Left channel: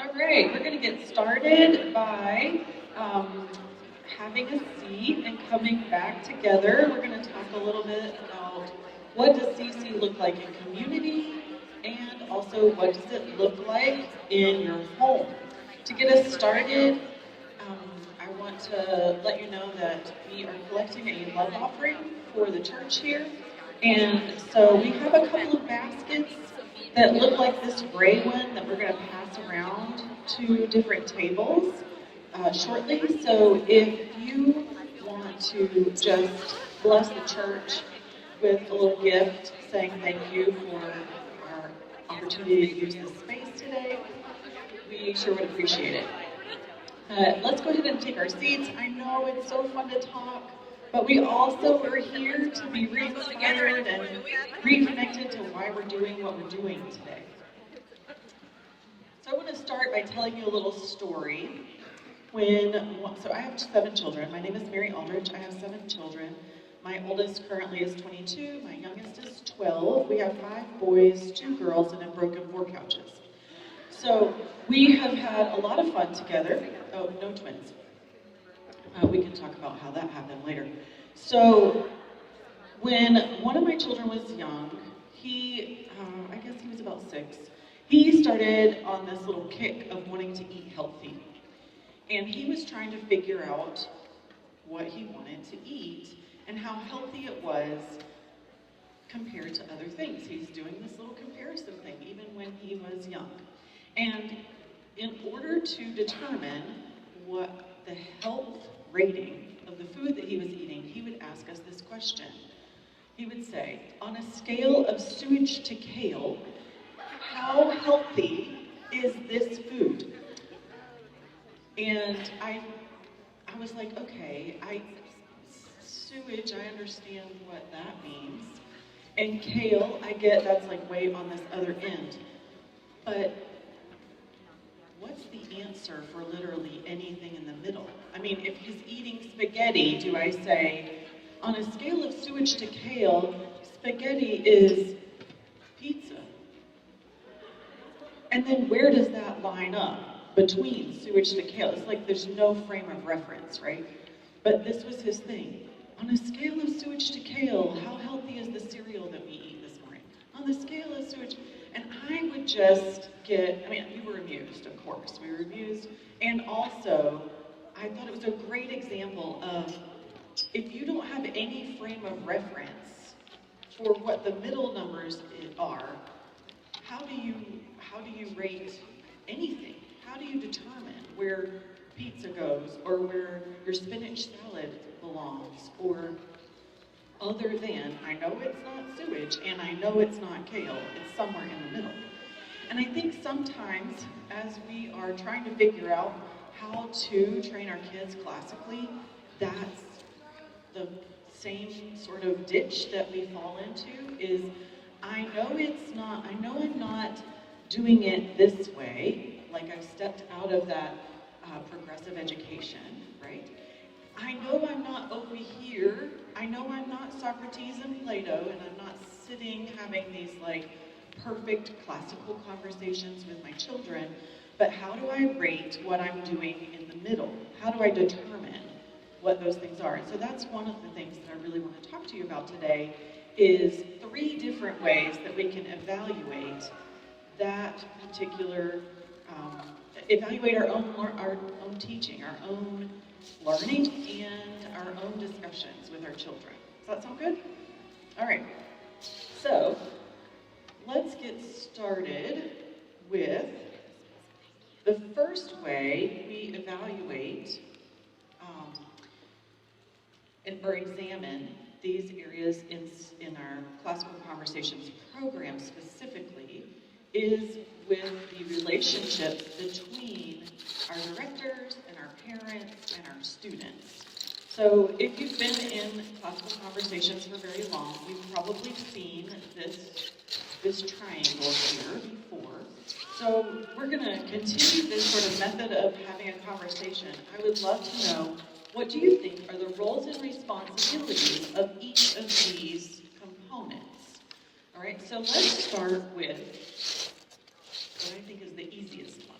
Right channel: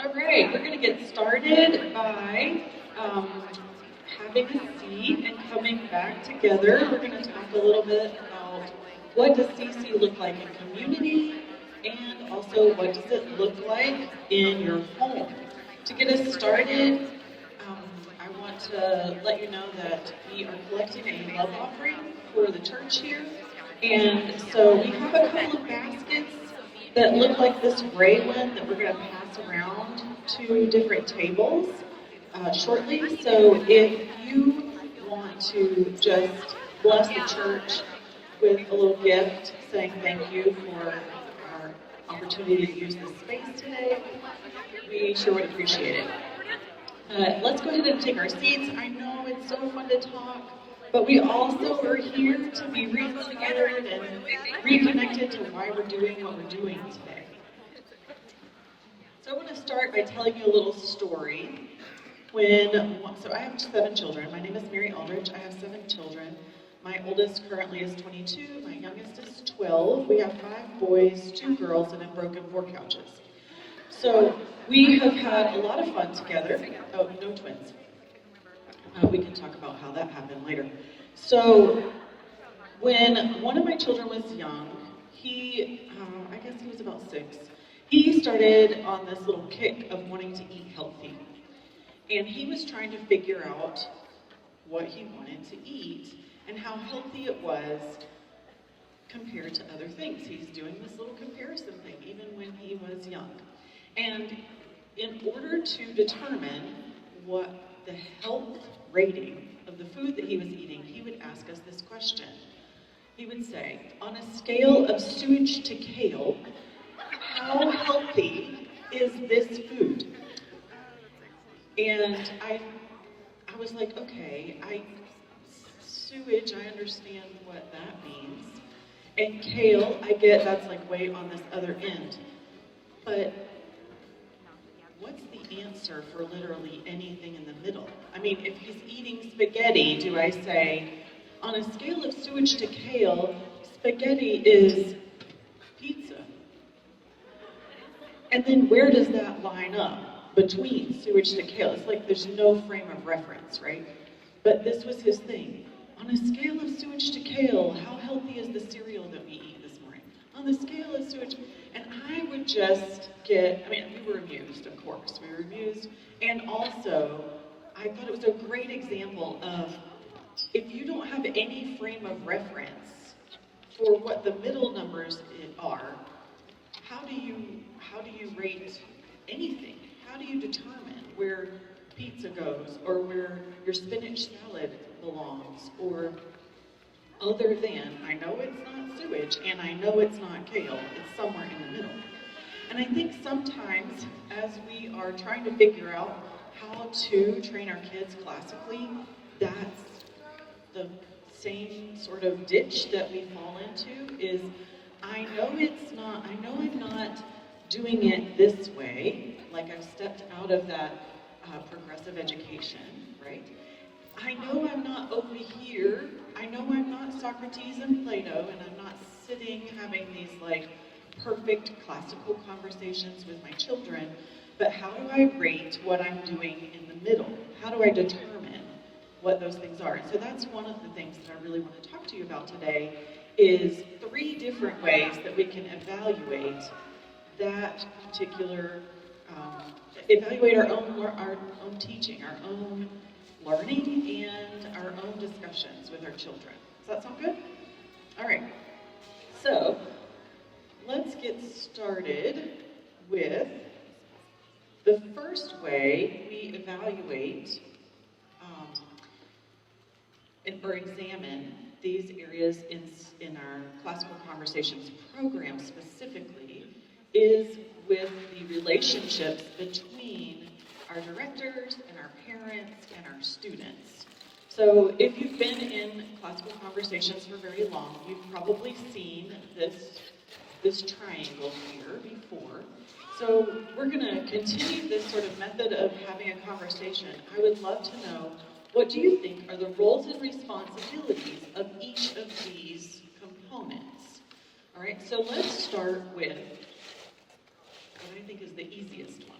All right, we're going to get started by having a seat and coming back together. We're going to talk a little bit about what does CC look like in community, and also what does it look like in your home. To get us started, I want to let you know that we are collecting a love offering for the church here. And so we have a couple of baskets that look like this gray one that we're going to pass around to different tables shortly. So if you want to just bless the church with a little gift saying thank you for our opportunity to use this space today, we sure would appreciate it. Let's go ahead and take our seats. I know it's so fun to talk, but we also are here to be re-inspired and reconnected to why we're doing what we're doing today. So I'm going to start by telling you a little story. So I have 7 children. My name is Mary Aldrich. I have 7 children. My oldest currently is 22. My youngest is 12. We have 5 boys, 2 girls, and a broken 4 couches. So we have had a lot of fun together. Oh, no twins. We can talk about how that happened later. So when one of my children was young, I guess he was about 6, he started on this little kick of wanting to eat healthy. And he was trying to figure out what he wanted to eat and how healthy it was compared to other things. He's doing this little comparison thing even when he was young. And in order to determine what the health rating of the food that he was eating, he would ask us this question. He would say, on a scale of sewage to kale, how healthy is this food? And I was like, okay, sewage, I understand what that means. And kale, I get that's like way on this other end. But what's the answer for literally anything in the middle? I mean, if he's eating spaghetti, do I say, on a scale of sewage to kale, spaghetti is pizza? And then where does that line up between sewage to kale? It's like there's no frame of reference, right? But this was his thing. On a scale of sewage to kale, how healthy is the cereal that we eat this morning? On the scale of sewage, and I would just we were amused, of course. We were amused. And also, I thought it was a great example of if you don't have any frame of reference for what the middle numbers are, how do you rate anything? How do you determine where pizza goes or where your spinach salad belongs or other than, I know it's not sewage and I know it's not kale, it's somewhere in the middle. And I think sometimes as we are trying to figure out how to train our kids classically, that's the same sort of ditch that we fall into is I know I'm not doing it this way, like I stepped out of that progressive education, right? I know I'm not over here. I know I'm not Socrates and Plato, and I'm not sitting having these like perfect classical conversations with my children, but how do I rate what I'm doing in the middle? How do I determine what those things are? And so that's one of the things that I really want to talk to you about today is 3 different ways that we can evaluate that particular, evaluate our own teaching, our own learning, and our own discussions with our children. Does that sound good? All right. So let's get started with the first way we evaluate or examine these areas in our classical conversations program specifically is with the relationships between our directors and our parents and our students. So if you've been in classical conversations for very long, you've probably seen this triangle here before. So we're going to continue this sort of method of having a conversation. I would love to know, what do you think are the roles and responsibilities of each of these components? All right, so let's start with what I think is the easiest one.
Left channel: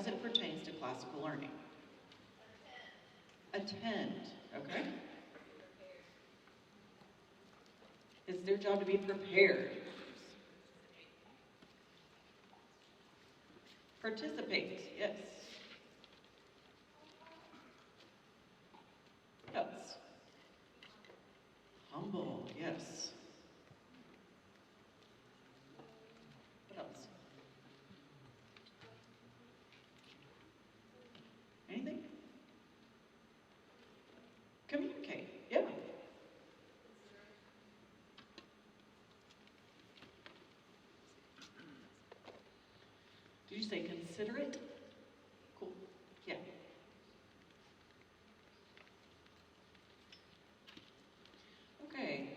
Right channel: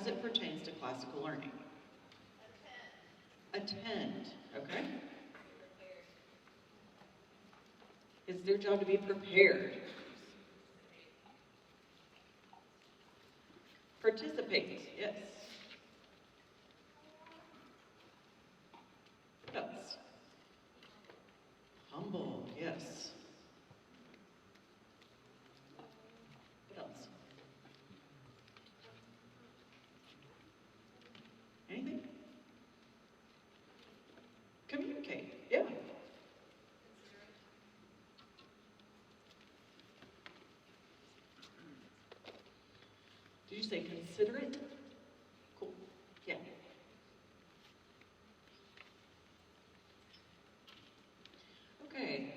as it pertains to classical learning? Attend, okay? It's their job to be prepared. Participate, yes. What else? Humble, yes. What else? Anything? Communicate, yeah. Did you say considerate? Cool, yeah. Okay,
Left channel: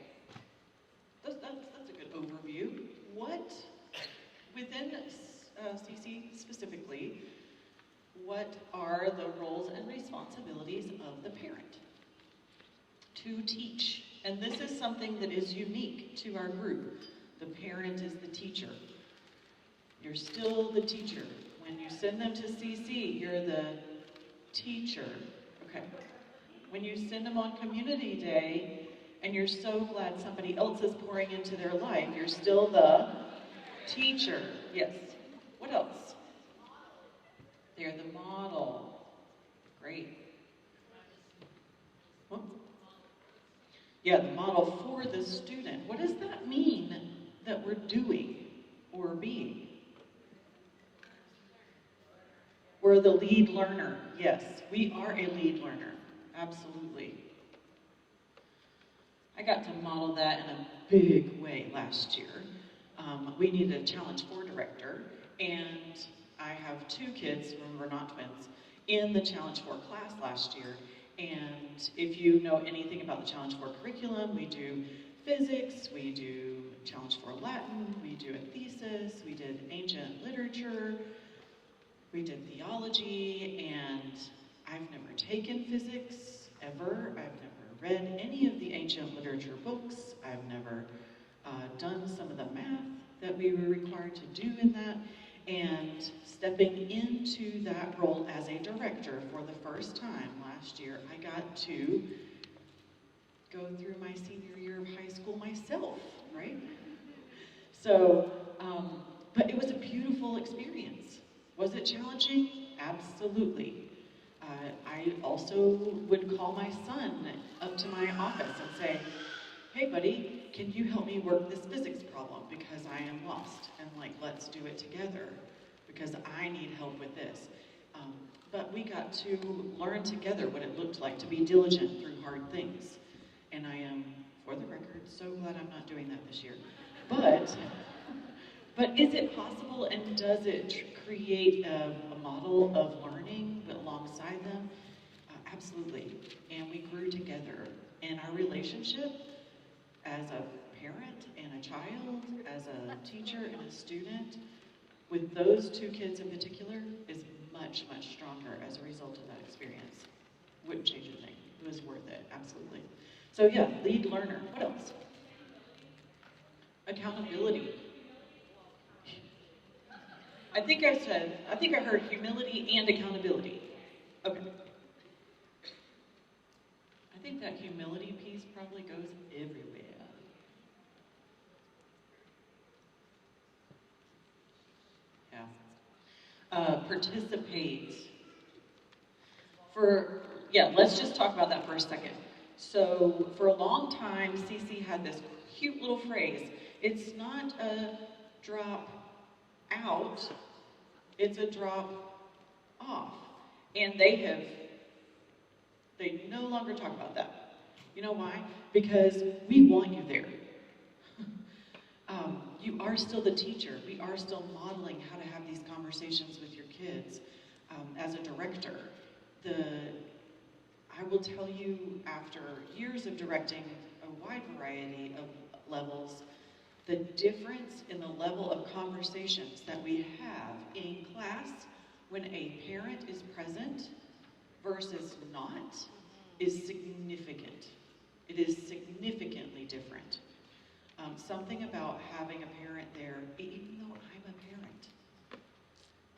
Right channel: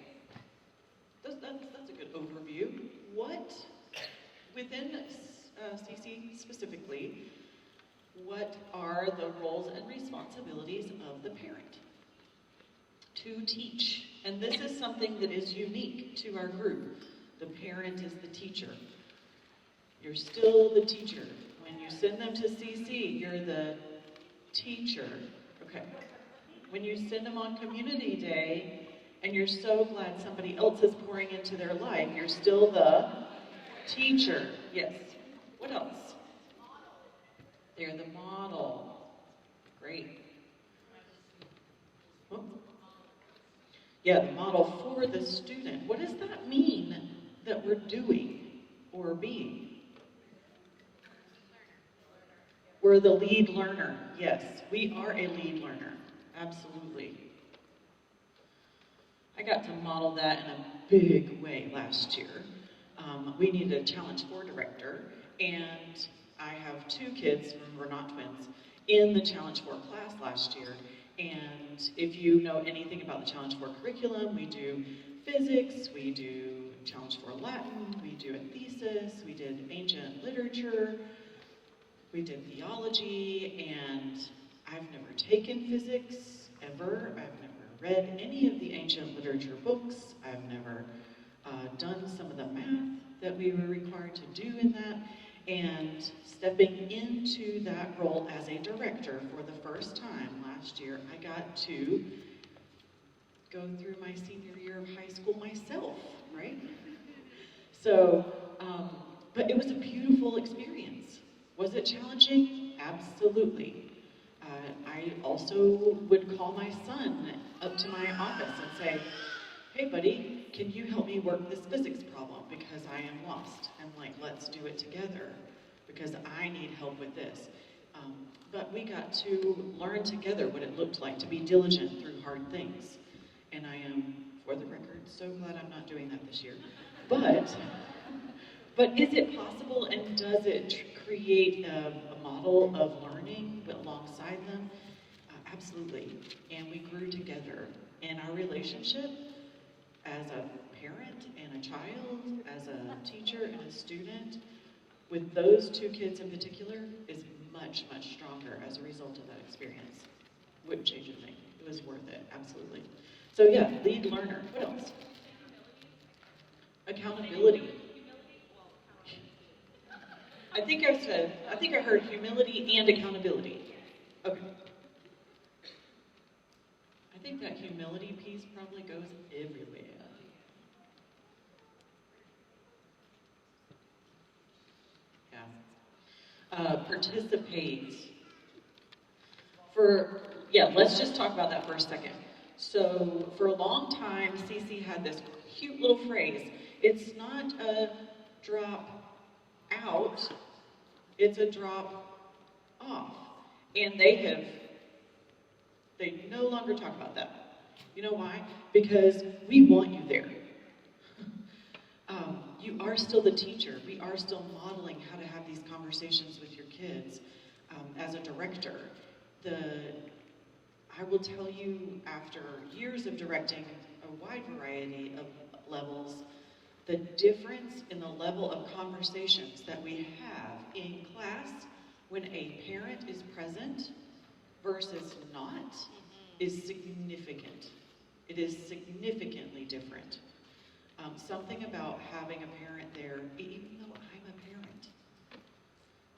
that's a good overview. What, within CC specifically, what are the roles and responsibilities of the parent? To teach. And this is something that is unique to our group. The parent is the teacher. You're still the teacher. When you send them to CC, you're the teacher. Okay. When you send them on community day, and you're so glad somebody else is pouring into their life, you're still the teacher. Yes. What else? They're the model. Great. Oh. Yeah, the model for the student. What does that mean that we're doing or being? We're the lead learner. Yes, we are a lead learner. Absolutely. I got to model that in a big way last year. We needed a Challenge 4 director, and I have two kids, remember not twins, in the Challenge 4 class last year. And if you know anything about the Challenge 4 curriculum, we do physics, we do Challenge 4 Latin, we do a thesis, we did ancient literature, we did theology, and I've never taken physics, ever. I've never read any of the ancient literature books. I've never done some of the math that we were required to do in that. And stepping into that role as a director for the first time last year, I got to go through my senior year of high school myself, right? So, but it was a beautiful experience. Was it challenging? Absolutely. I also would call my son up to my office and say, hey buddy, can you help me work this physics problem because I am lost, and like, let's do it together because I need help with this. But we got to learn together what it looked like to be diligent through hard things. And I am, for the record, so glad I'm not doing that this year. But is it possible, and does it create a model of learning alongside them? Absolutely. And we grew together. And our relationship as a parent and a child, as a teacher and a student, with those two kids in particular, is much, much stronger as a result of that experience. Wouldn't change a thing. It was worth it, absolutely. So yeah, lead learner. What else? Accountability. I think I heard humility and accountability. Okay. I think that humility piece probably goes everywhere. Yeah. Participate. Let's just talk about that for a second. So, for a long time, CC had this cute little phrase. It's not a drop out, it's a drop off. And they no longer talk about that. You know why? Because we want you there. You are still the teacher. We are still modeling how to have these conversations with your kids. As a director, I will tell you, after years of directing a wide variety of levels, the difference in the level of conversations that we have in class when a parent is present versus not is significant. It is significantly different. Something about having a parent there, even though I'm a parent,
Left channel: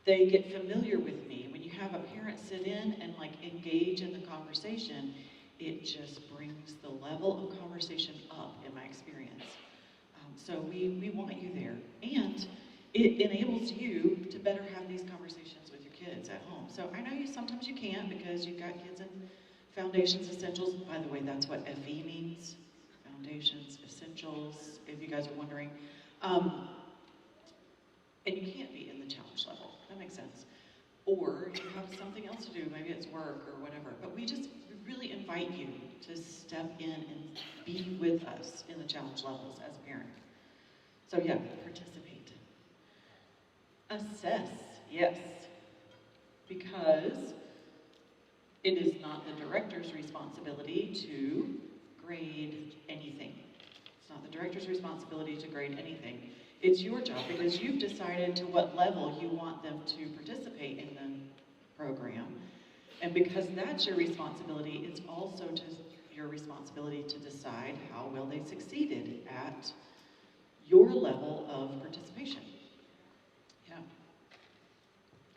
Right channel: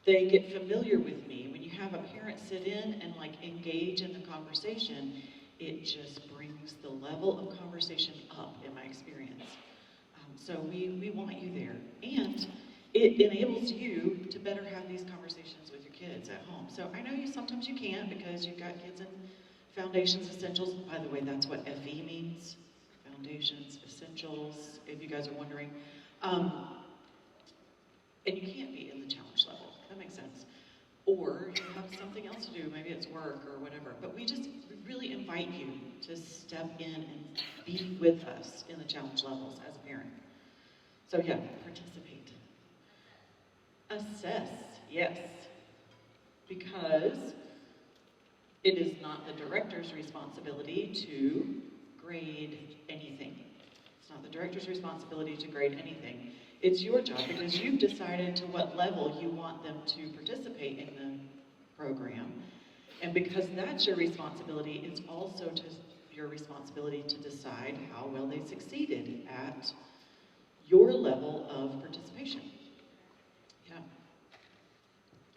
They get familiar with me. When you have a parent sit in and like engage in the conversation, it just brings the level of conversation up in my experience. So we want you there. And it enables you to better have these conversations with your kids at home. So I know sometimes you can't because you've got kids in Foundations, Essentials. By the way, that's what FE means. Foundations, Essentials, if you guys are wondering. And you can't be in the challenge level. That makes sense. Or you have something else to do, maybe it's work or whatever. But we really invite you to step in and be with us in the challenge levels as a parent. So yeah, participate. Assess, yes. Because it is not the director's responsibility to grade anything. It's not the director's responsibility to grade anything. It's your job because you've decided to what level you want them to participate in the program. And because that's your responsibility, it's also your responsibility to decide how well they succeeded at your level of participation. Yeah.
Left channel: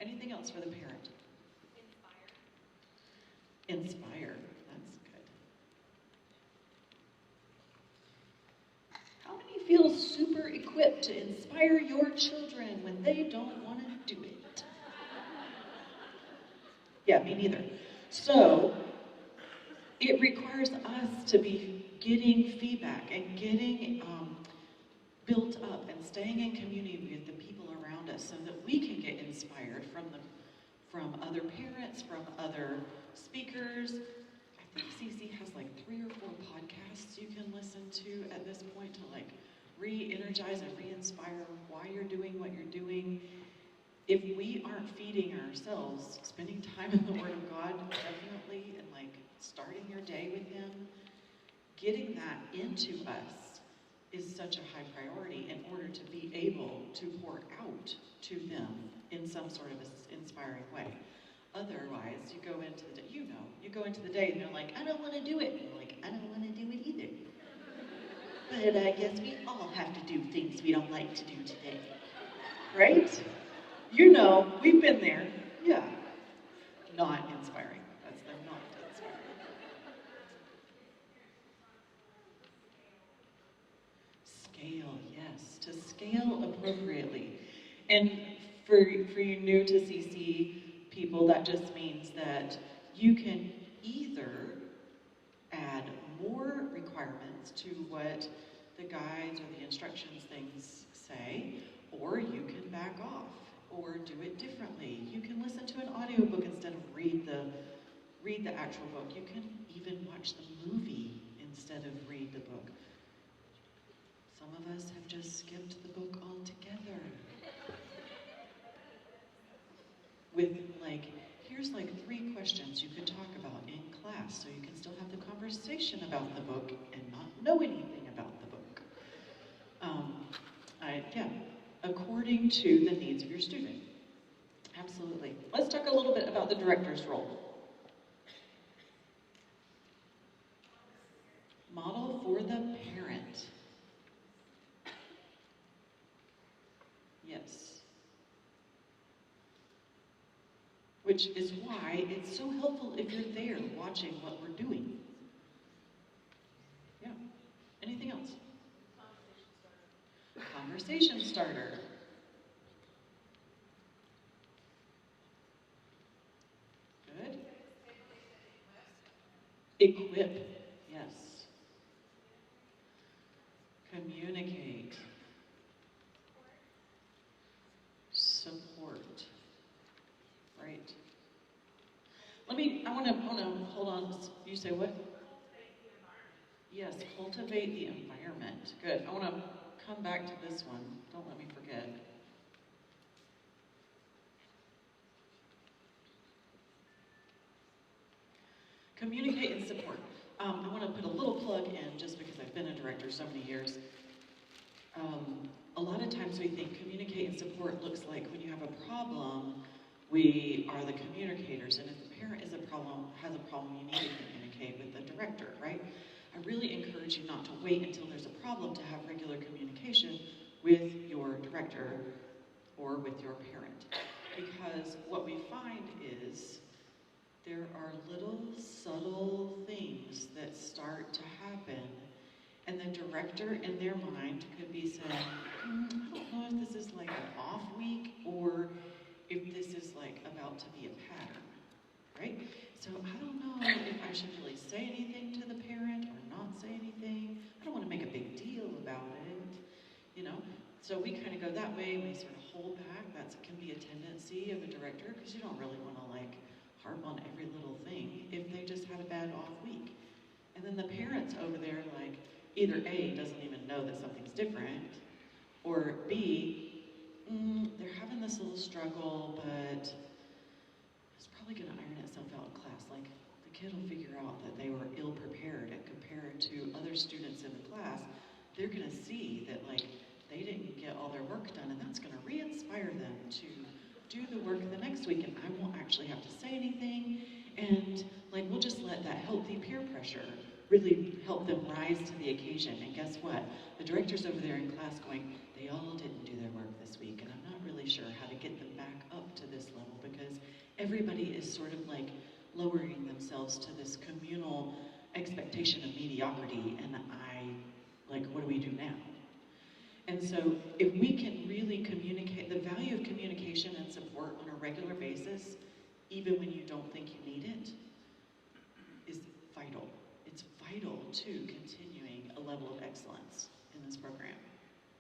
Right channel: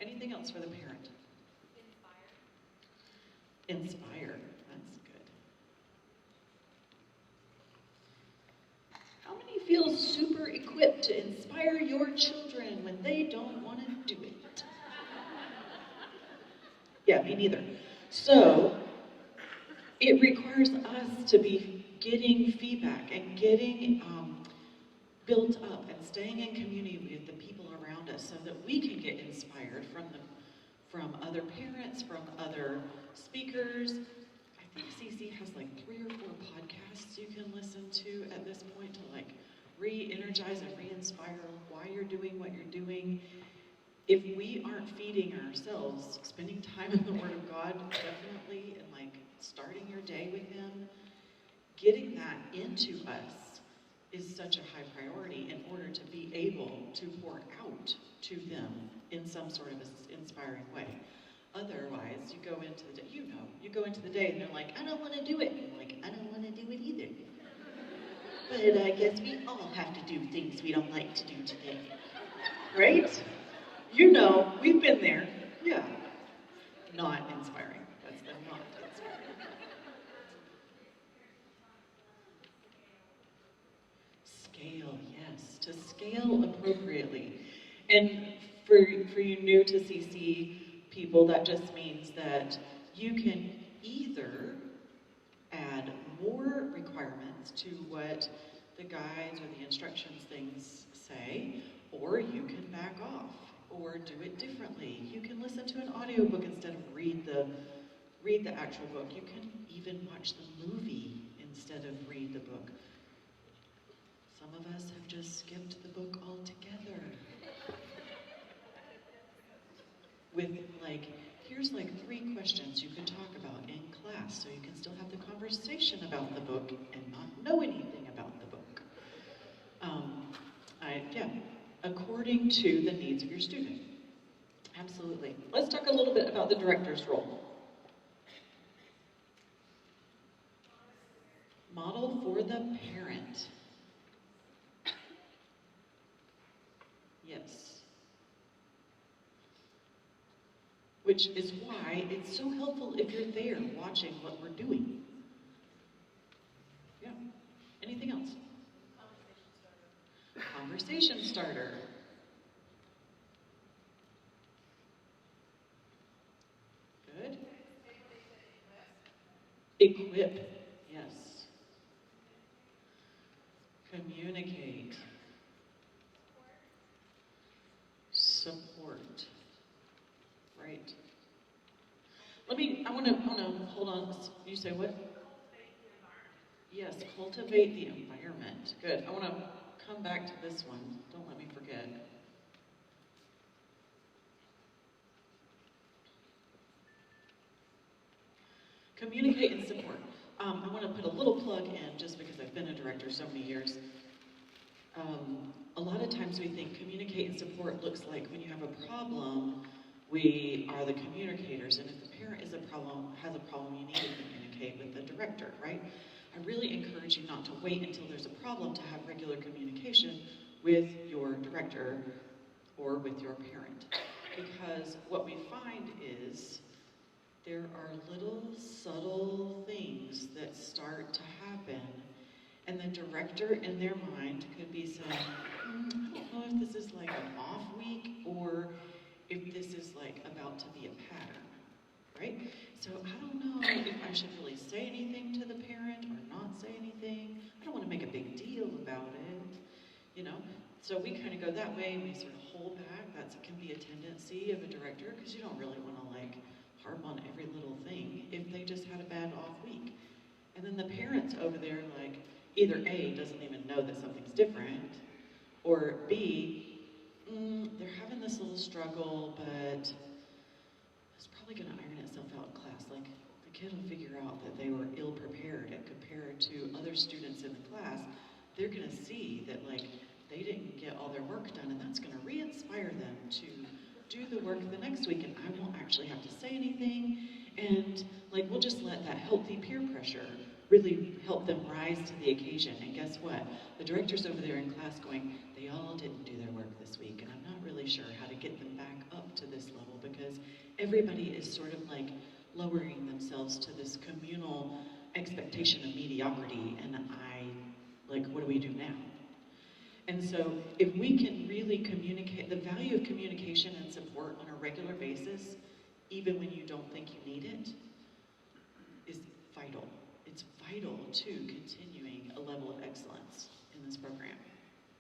Anything else for the parent? Inspire. That's good. How many feel super equipped to inspire your children when they don't want to do it? Yeah, me neither. So, it requires us to be getting feedback and getting built up and staying in community with the people around us so that we can get inspired from other parents, from other speakers. I think CC has like 3 or 4 podcasts you can listen to at this point to like re-energize and re-inspire why you're doing what you're doing. If we aren't feeding ourselves, spending time in the Word of God, definitely, and like starting your day with Him, getting that into us is such a high priority in order to be able to pour out to them in some sort of inspiring way. Otherwise, you go into the day, you go into the day and you're like, I don't want to do it. And you're like, I don't want to do it either. But I guess we all have to do things we don't like to do today. Right? We've been there. Yeah. Not inspiring. That's the not inspiring. Scale, yes. To scale appropriately. And for you new to CC people, that just means that you can either add more requirements to what the guides or the instructions things say, or you can back off, or do it differently. You can listen to an audiobook instead of read the actual book. You can even watch the movie instead of read the book. Some of us have just skipped the book altogether. With here's 3 questions you can talk about in class so you can still have the conversation about the book and not know anything about the book. According to the needs of your student. Absolutely. Let's talk a little bit about the director's role. Model for the parent. Yes. Which is why it's so helpful if you're there watching what we're doing. Yeah. Anything else? Conversation starter. Good. Equip. Yes. Communicate. Support. Right. I want to hold on. You say what? Yes, cultivate the environment. Good. I want to come back to this one. Don't let me forget. Communicate and support. I want to put a little plug in just because I've been a director so many years. A lot of times we think communicate and support looks like when you have a problem, we are the communicators, and if the parent has a problem, you need to communicate with the director, right? I really encourage you not to wait until there's a problem to have regular communication with your director or with your parent. because what we find is there are little subtle things that start to happen, and the director in their mind could be saying, I don't know if this is like an off week or if this is like about to be a pattern, right? So I don't know if I should really say anything to the parent or not say anything. I don't want to make a big deal about it, you know? So we kind of go that way, and we sort of hold back. That can be a tendency of a director, because you don't really want to like harp on every little thing if they just had a bad off week. And then the parents over there, like, either A, doesn't even know that something's different, or B, they're having this little struggle, but it's probably going to iron itself out in class. Like, the kid will figure out that they were ill-prepared and compared to other students in the class. They're going to see that, like, they didn't get all their work done, and that's going to re-inspire them to do the work the next week, and I won't actually have to say anything, and like we'll just let that healthy peer pressure really help them rise to the occasion. And guess what? The director's over there in class going, they all didn't do their work this week, and I'm not really sure how to get them back up to this level, because everybody is sort of like lowering themselves to this communal expectation of mediocrity, and what do we do now? And so if we can really communicate, the value of communication and support on a regular basis, even when you don't think you need it, is vital. It's vital to continuing a level of excellence in this program.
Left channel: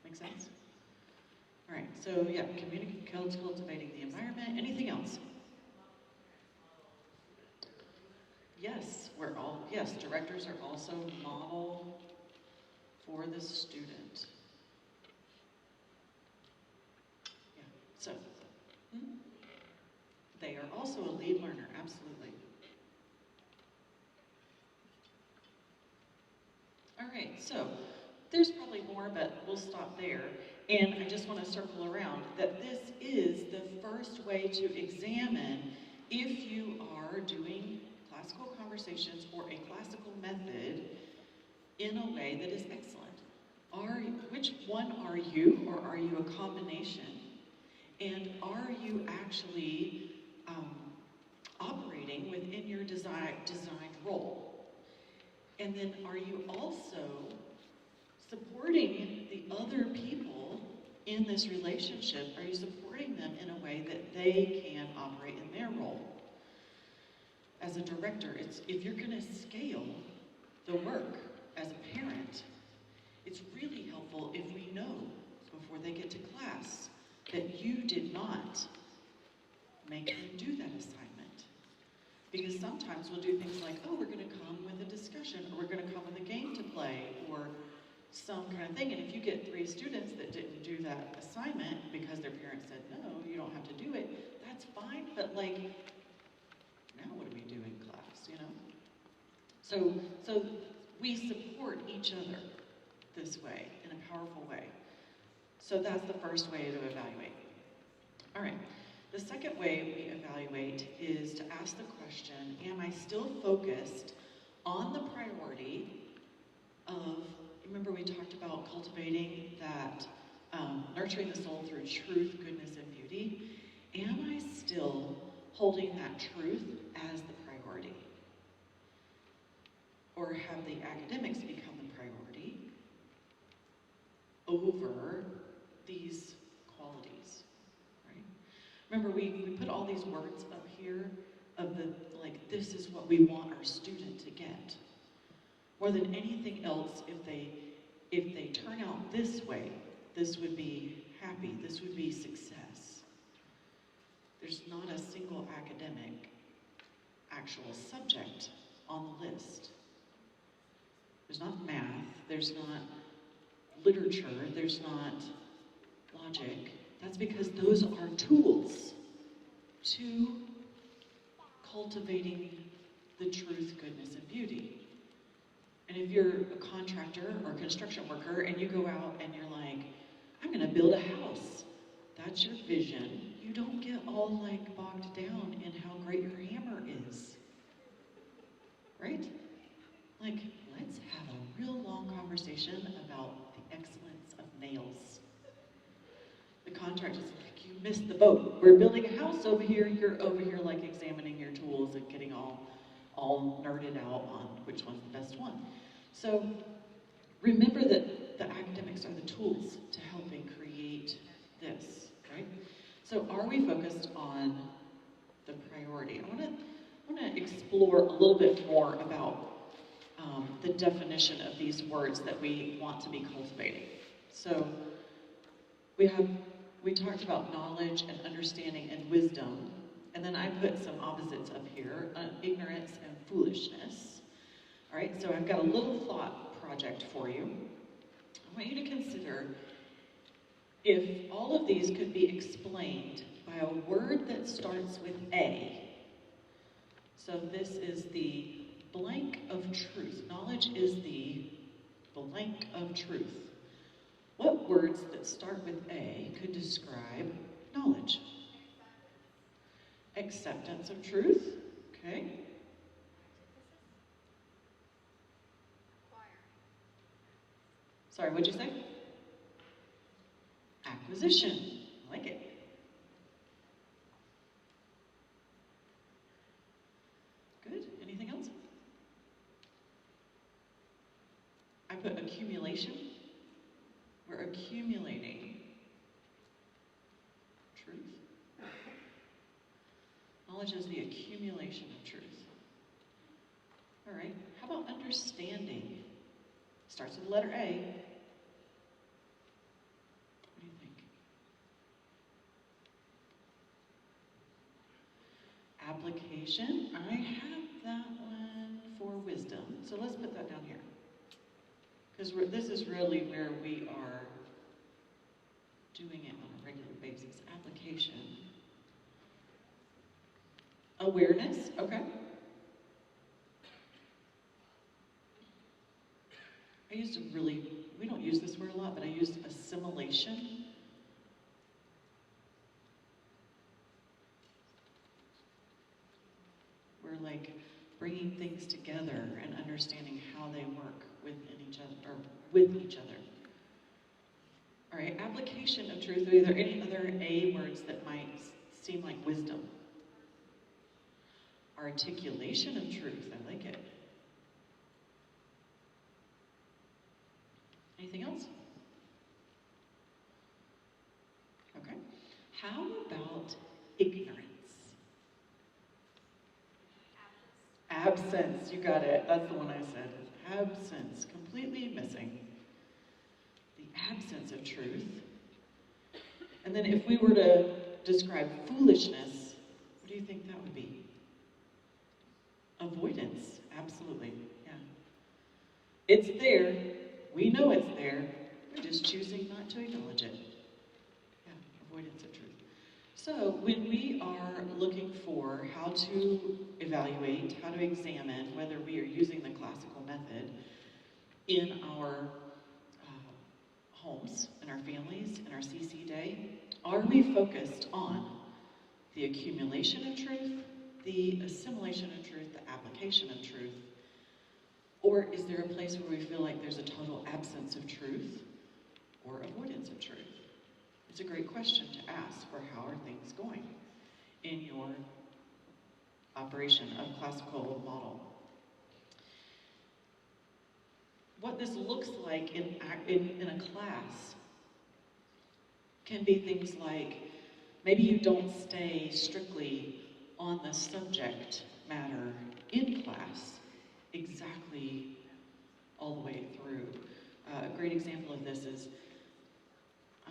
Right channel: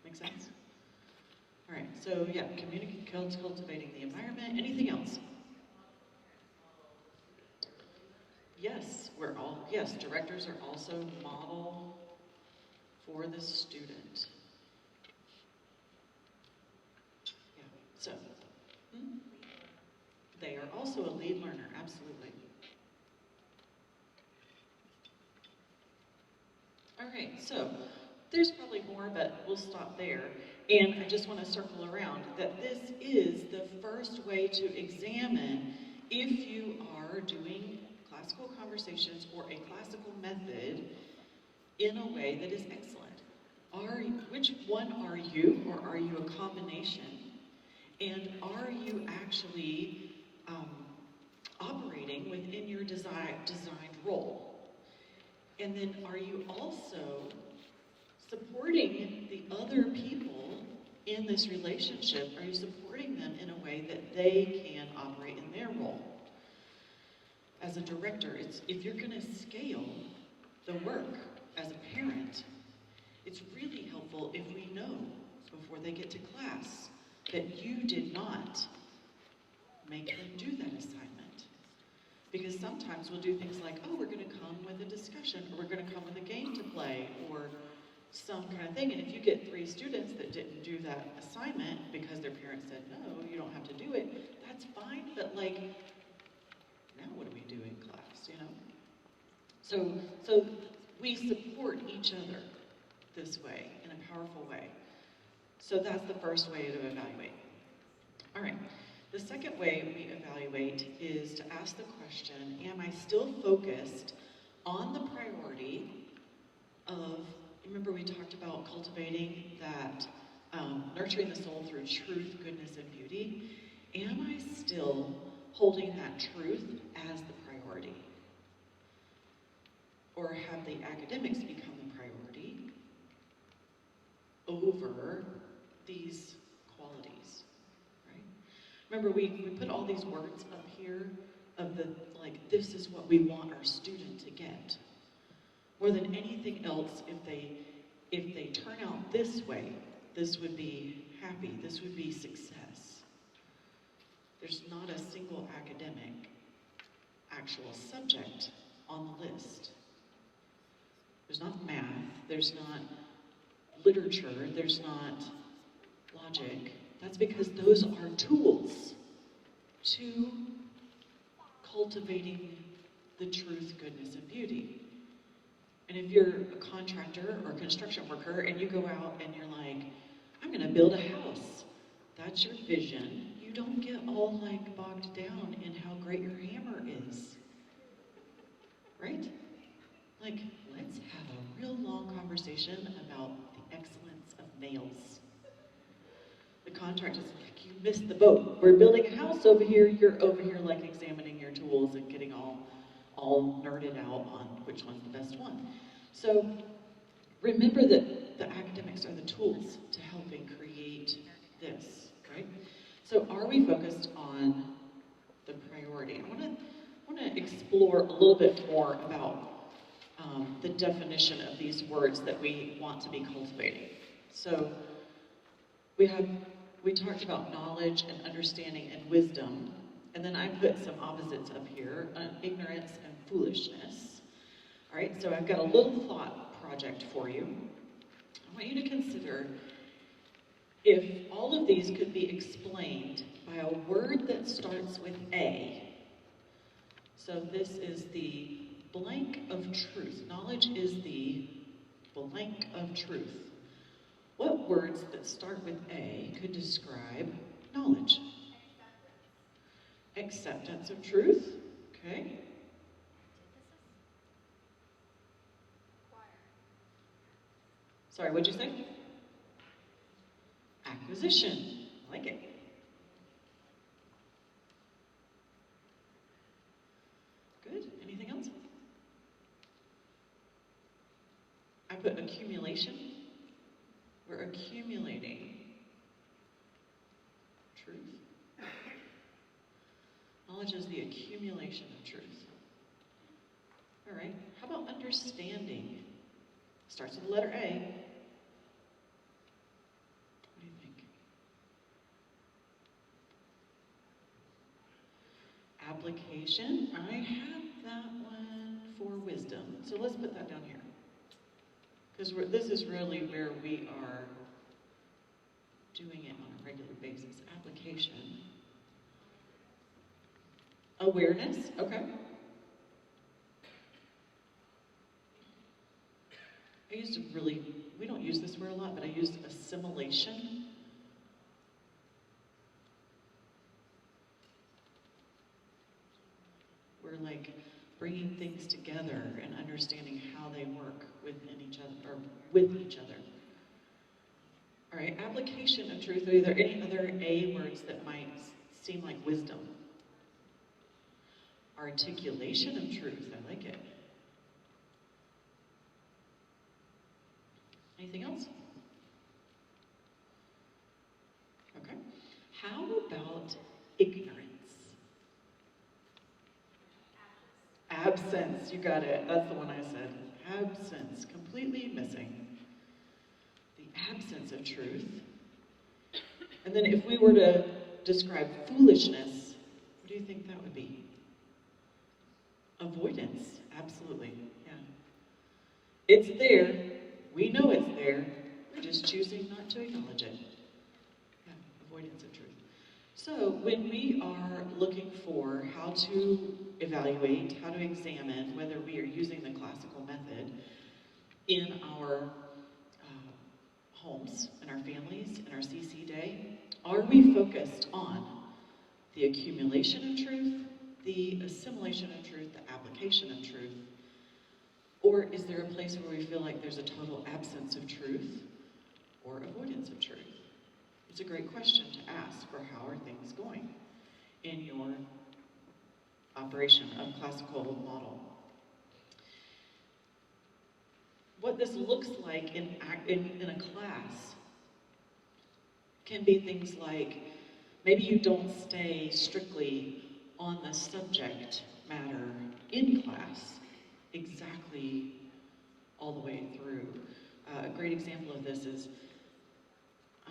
Make sense? All right, so yeah, cultivating the environment. Anything else? Yes, directors are also model for the student. So, they are also a lead learner, absolutely. All right, so there's probably more, but we'll stop there. And I just want to circle around that this is the first way to examine if you are doing classical conversations or a classical method in a way that is excellent. Which one are you, or are you a combination? And are you actually operating within your designed role? And then are you also supporting the other people in this relationship? Are you supporting them in a way that they can operate in their role? As a director, if you're going to scale the work as a parent, it's really helpful if we know before they get to class that you did not make them do that assignment. Because sometimes we'll do things like, oh, we're going to come with a discussion, or we're going to come with a game to play, or some kind of thing. And if you get 3 students that didn't do that assignment because their parents said, no, you don't have to do it, that's fine, but like, now what do we do in class, you know? So we support each other this way, in a powerful way. So that's the first way to evaluate. All right, the second way we evaluate is to ask the question, am I still focused on the priority of, remember we talked about cultivating that, nurturing the soul through truth, goodness, and beauty? Am I still holding that truth as the priority? Or have the academics become the priority over these qualities, right? Remember, we put all these words up here of the, like, this is what we want our student to get. More than anything else, if they turn out this way, this would be happy, this would be success. There's not a single academic actual subject on the list. There's not math, there's not literature, there's not logic. That's because those are tools to cultivating the truth, goodness, and beauty. And if you're a contractor or construction worker and you go out and you're like, I'm gonna build a house, that's your vision. You don't get all like bogged down in how great your hammer is, right? Like, let's have a real long conversation about the excellence of nails. The contractor's like, you missed the boat. We're building a house over here, you're over here like examining your tools and getting all nerded out on which one's the best one. So remember that the academics are the tools to helping create this, right? So are we focused on the priority? I want to explore a little bit more about the definition of these words that we want to be cultivating. So we talked about knowledge and understanding and wisdom, and then I put some opposites up here, ignorance and foolishness. All right, so I've got a little thought project for you. I want you to consider if all of these could be explained by a word that starts with A. So this is the blank of truth. Knowledge is the blank of truth. What words that start with A could describe knowledge? Acceptance of truth. Okay. Sorry, what'd you say? Acquisition. I like it. Good. Anything else? I put accumulation. We're accumulating truth. Knowledge is the accumulation of truth. All right. How about understanding? Starts with the letter A. What do you think? Application. I have that one for wisdom. So let's put that down here. Because this is really where we are doing it on a regular basis. Application. Awareness. Okay. We don't use this word a lot, but I used assimilation. We're like bringing things together and understanding how they work within each other, or with each other. All right, application of truth. Are there any other A words that might seem like wisdom? Articulation of truth. I like it. Anything else? Okay. How about ignorance? Absence. You got it. That's the one I said. Absence. Completely missing. The absence of truth. And then if we were to describe foolishness, what do you think that would be? Avoidance. Absolutely. Yeah. It's there. We know it's there. We're just choosing not to acknowledge it. Yeah. Avoidance of truth. So when we are looking for how to evaluate, how to examine whether we are using the classical method in our homes, in our families, in our CC day, are we focused on the accumulation of truth, the assimilation of truth, the application of truth? Or is there a place where we feel like there's a total absence of truth or avoidance of truth? It's a great question to ask for how are things going in your operation of classical model. What this looks like in a class can be things like maybe you don't stay strictly on the subject matter in class exactly all the way through. A great example of this is,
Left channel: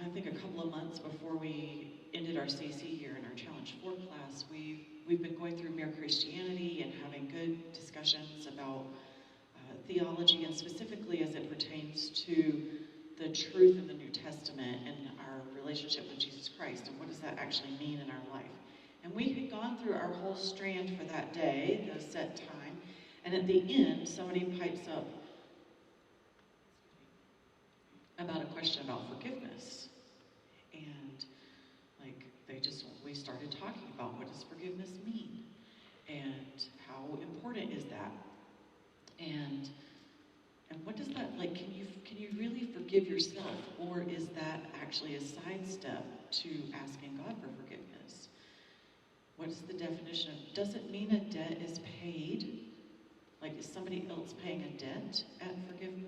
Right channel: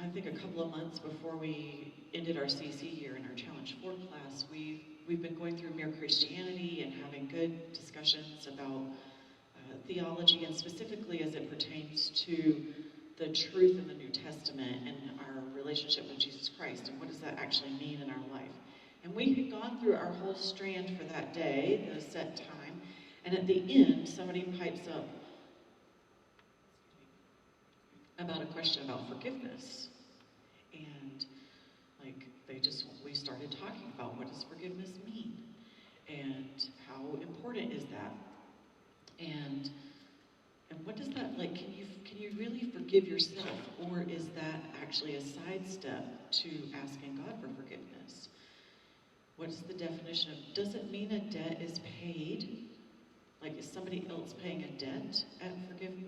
I think a couple of months before we ended our CC year in our Challenge 4 class, we've been going through Mere Christianity and having good discussions about theology, and specifically as it pertains to the truth in the New Testament and our relationship with Jesus Christ, and what does that actually mean in our life. And we had gone through our whole strand for that day, the set time, and at the end, somebody pipes up about a question about forgiveness. And we started talking about what does forgiveness mean? And how important is that? And what does that, like, can can you really forgive yourself? Or is that actually a sidestep to asking God for forgiveness? What's the definition of, does it mean a debt is paid? Like, is somebody else paying a debt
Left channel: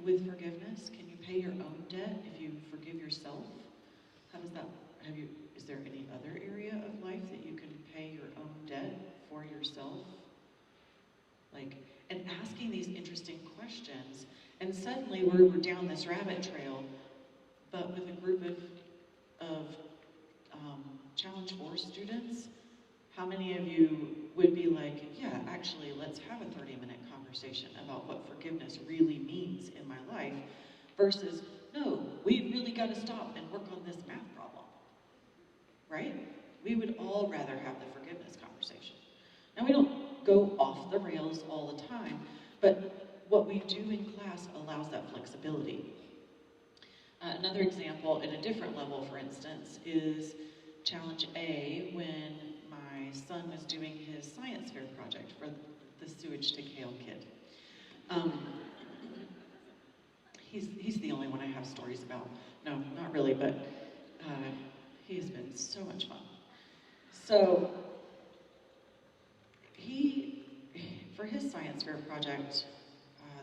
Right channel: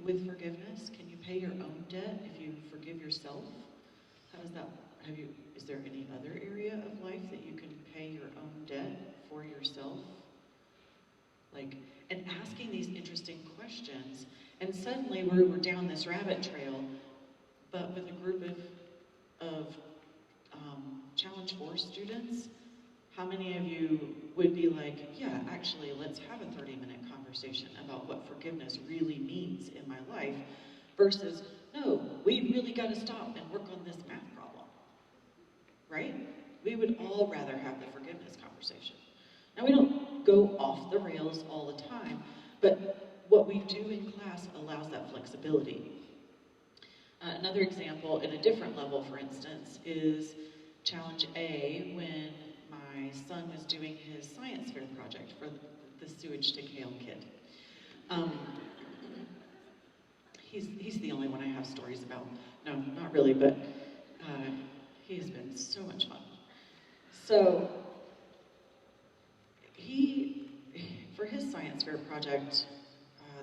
with forgiveness? Can you pay your own debt if you forgive yourself? How does that, is there any other area of life that you can pay your own debt for yourself? Like, and asking these interesting questions, and suddenly we're down this rabbit trail, but with a group of Challenge 4 students. How many of you would be like, yeah, actually, let's have a 30-minute conversation about what forgiveness really means in my life, versus, no, we really got to stop and work on this math problem, right? We would all rather have the forgiveness conversation. Now, we don't go off the rails all the time, but what we do in class allows that flexibility. Another example in a different level, for instance, is Challenge A, when my son was doing his science fair project for the Sewage to Kale kid. He's the only one I have stories about. No, not really, but he's been so much fun. So for his science fair project,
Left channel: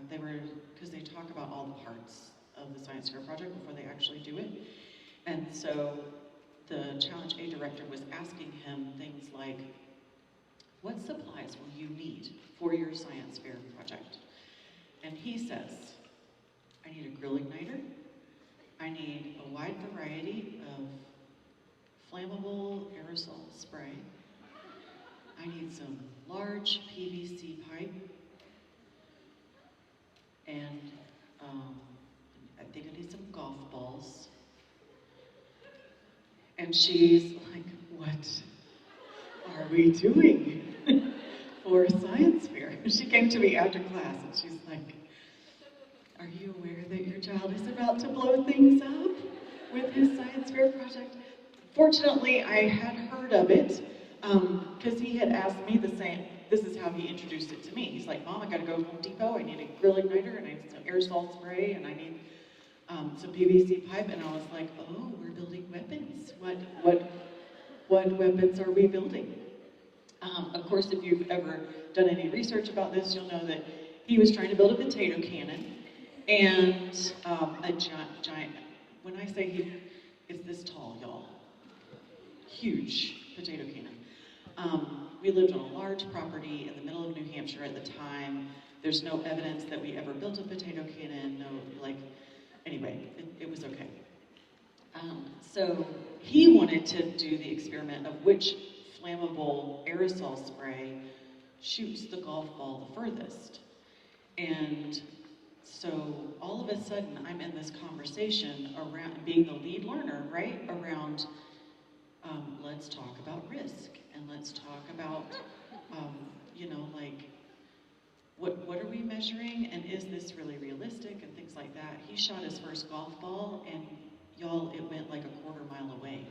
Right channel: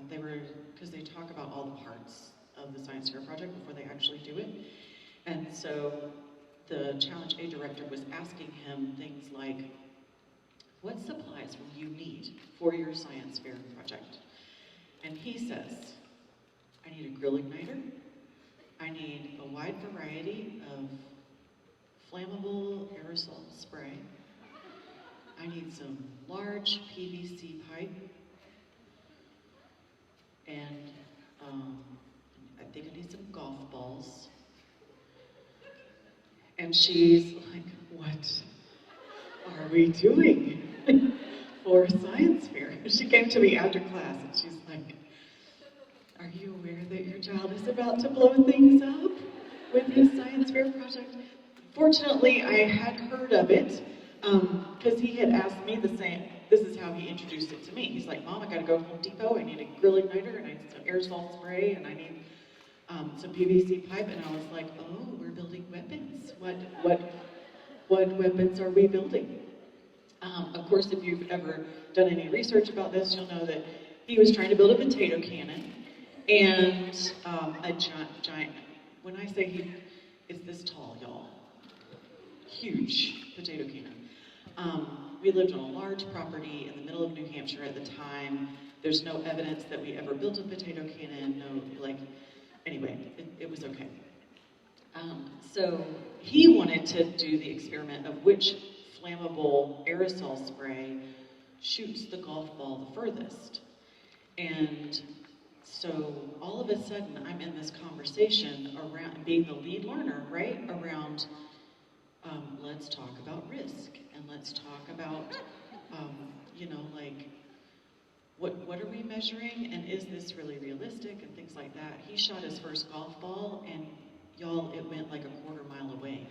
because they talk about all the parts of the science fair project before they actually do it. And so the Challenge A director was asking him things like, what supplies will you need for your science fair project? And he says, I need a grill igniter, I need a wide variety of flammable aerosol spray, I need some large PVC pipe, and I think I need some golf balls. And she's like, what are we doing for science fair? She came to me after class and she's like, are you aware that your child is about to blow things up with his science fair project? Fortunately, I had heard of it because he had asked me the same. This is how he introduced it to me. He's like, Mom, I gotta go to Home Depot. I need a grill igniter and I need some aerosol spray and I need some PVC pipe. And I was like, oh, we're building weapons. What weapons are we building? Of course, if you've ever done any research about this, you'll know that he was trying to build a potato cannon and a giant, when I say he is this tall, y'all, huge potato cannon. We lived on a large property in the middle of New Hampshire at the time. There's no evidence that we ever built a potato cannon, anyway, it was okay. So he wanted to do the experiment of which flammable aerosol spray shoots the golf ball the furthest. And so all of a sudden, I'm in this conversation around being the lead learner, right? Around, let's talk about risk, and let's talk about, what are we measuring, and is this really realistic, and things like that. He shot his first golf ball, and y'all, it went like a quarter mile away.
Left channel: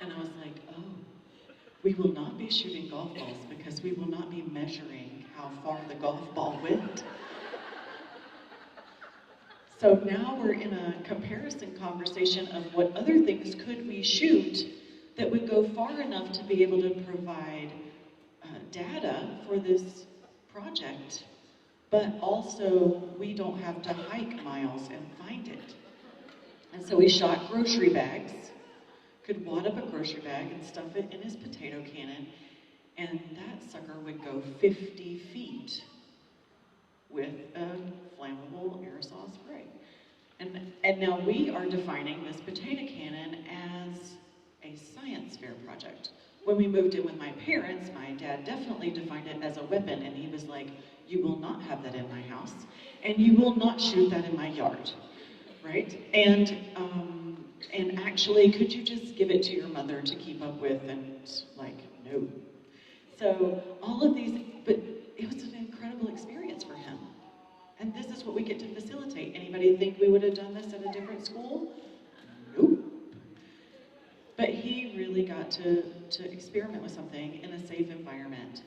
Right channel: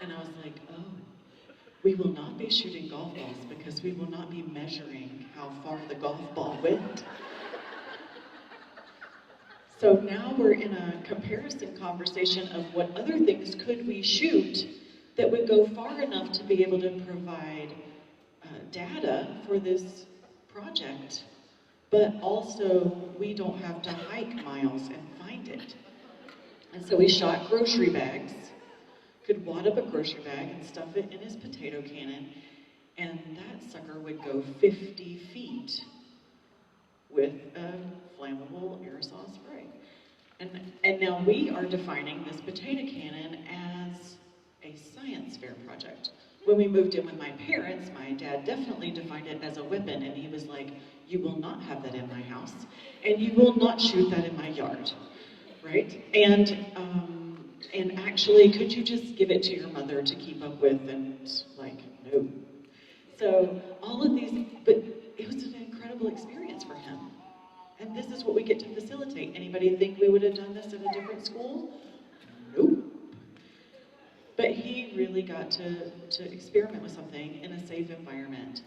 And I was like, oh, we will not be shooting golf balls because we will not be measuring how far the golf ball went. So now we're in a comparison conversation of what other things could we shoot that would go far enough to be able to provide data for this project, but also we don't have to hike miles and find it. And so we shot grocery bags, could wad up a grocery bag and stuff it in his potato cannon, and that sucker would go 50 feet with a flammable aerosol spray. And now we are defining this potato cannon as a science fair project. When we moved in with my parents, my dad definitely defined it as a weapon, and he was like, you will not have that in my house, and you will not shoot that in my yard, right? And actually, could you just give it to your mother to keep up with? And no. So all of these, but it was an incredible experience for him. And this is what we get to facilitate. Anybody think we would have done this at a different school? Nope. But he really got to experiment with something in a safe environment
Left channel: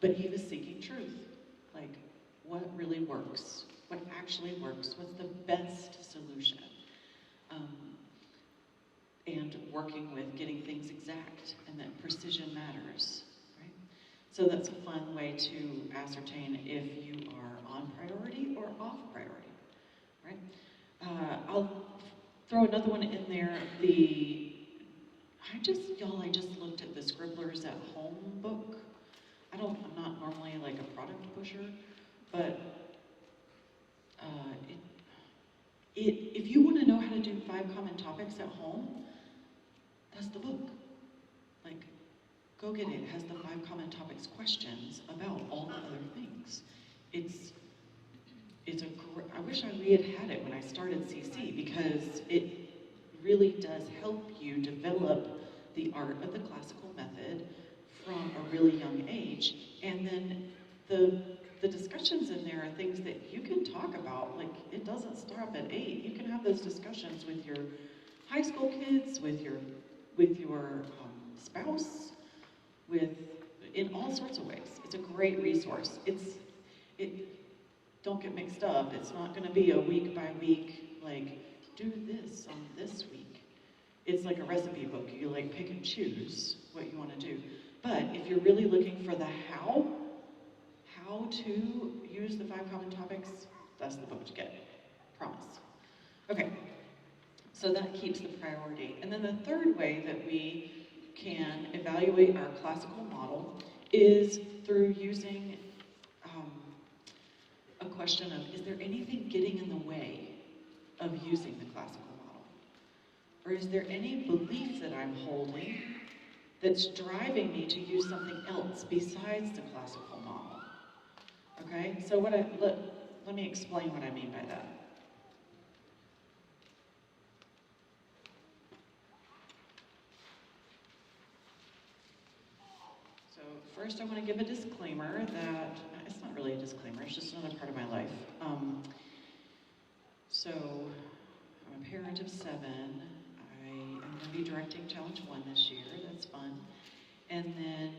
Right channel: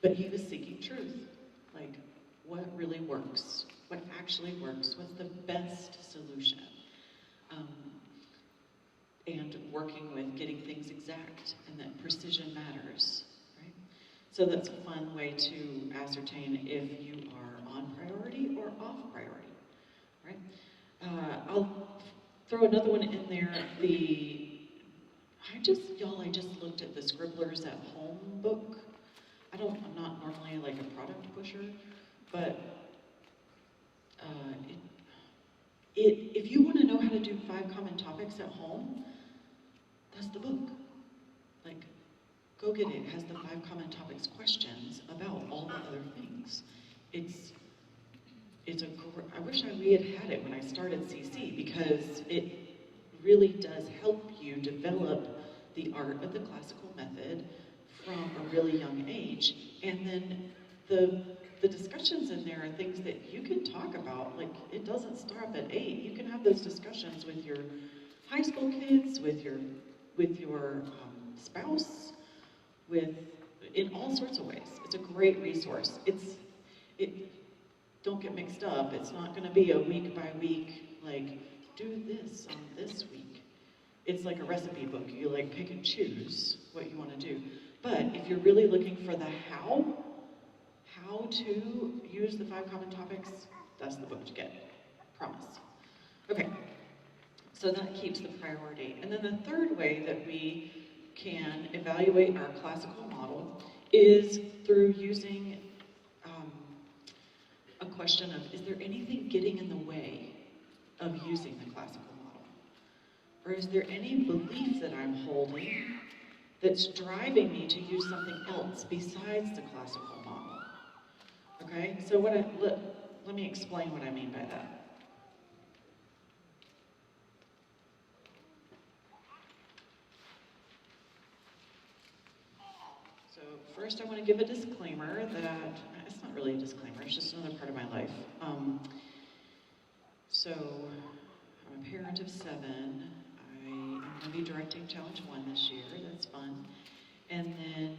but he was seeking truth. Like, what really works? actually works, what's the best solution. Um, and working with getting things exact, and that precision matters, right? So that's a fun way to ascertain if you are on priority or off priority, right? I'll throw another one in there. I just looked at the Scribblers at Home book. I'm not normally like a product pusher, but if you want to know how to do 5 common topics at home, that's the book. Like, go get it. It has the 5 common topics questions about all the other things. I wish we had it when I started CC, because it really does help you develop the art of the classical method from a really young age. And then the discussions in there are things that you can talk about. Like, it doesn't stop at 8. You can have those discussions with your high school kids, with your spouse, in all sorts of ways. It's a great resource. Don't get mixed up. It's not going to be a week by week, like, do this on this week. It's like a recipe book. You like pick and choose what you want to do. But if you're really looking for the how to use the 5 common topics, that's the book to get. Promise. Okay. So that keeps the priority. And then the third way that we can evaluate our classical model is through using a question of, is there anything getting in the way of using the classical model? Or is there any belief that I'm holding that's driving me to use something else besides the classical model? Okay, so let me explain what I mean by that. So first I want to give a disclaimer that, it's not really a disclaimer, it's just another part of my life. So I'm a parent of 7. I am going to be directing Challenge 1 this year, that's fun. And then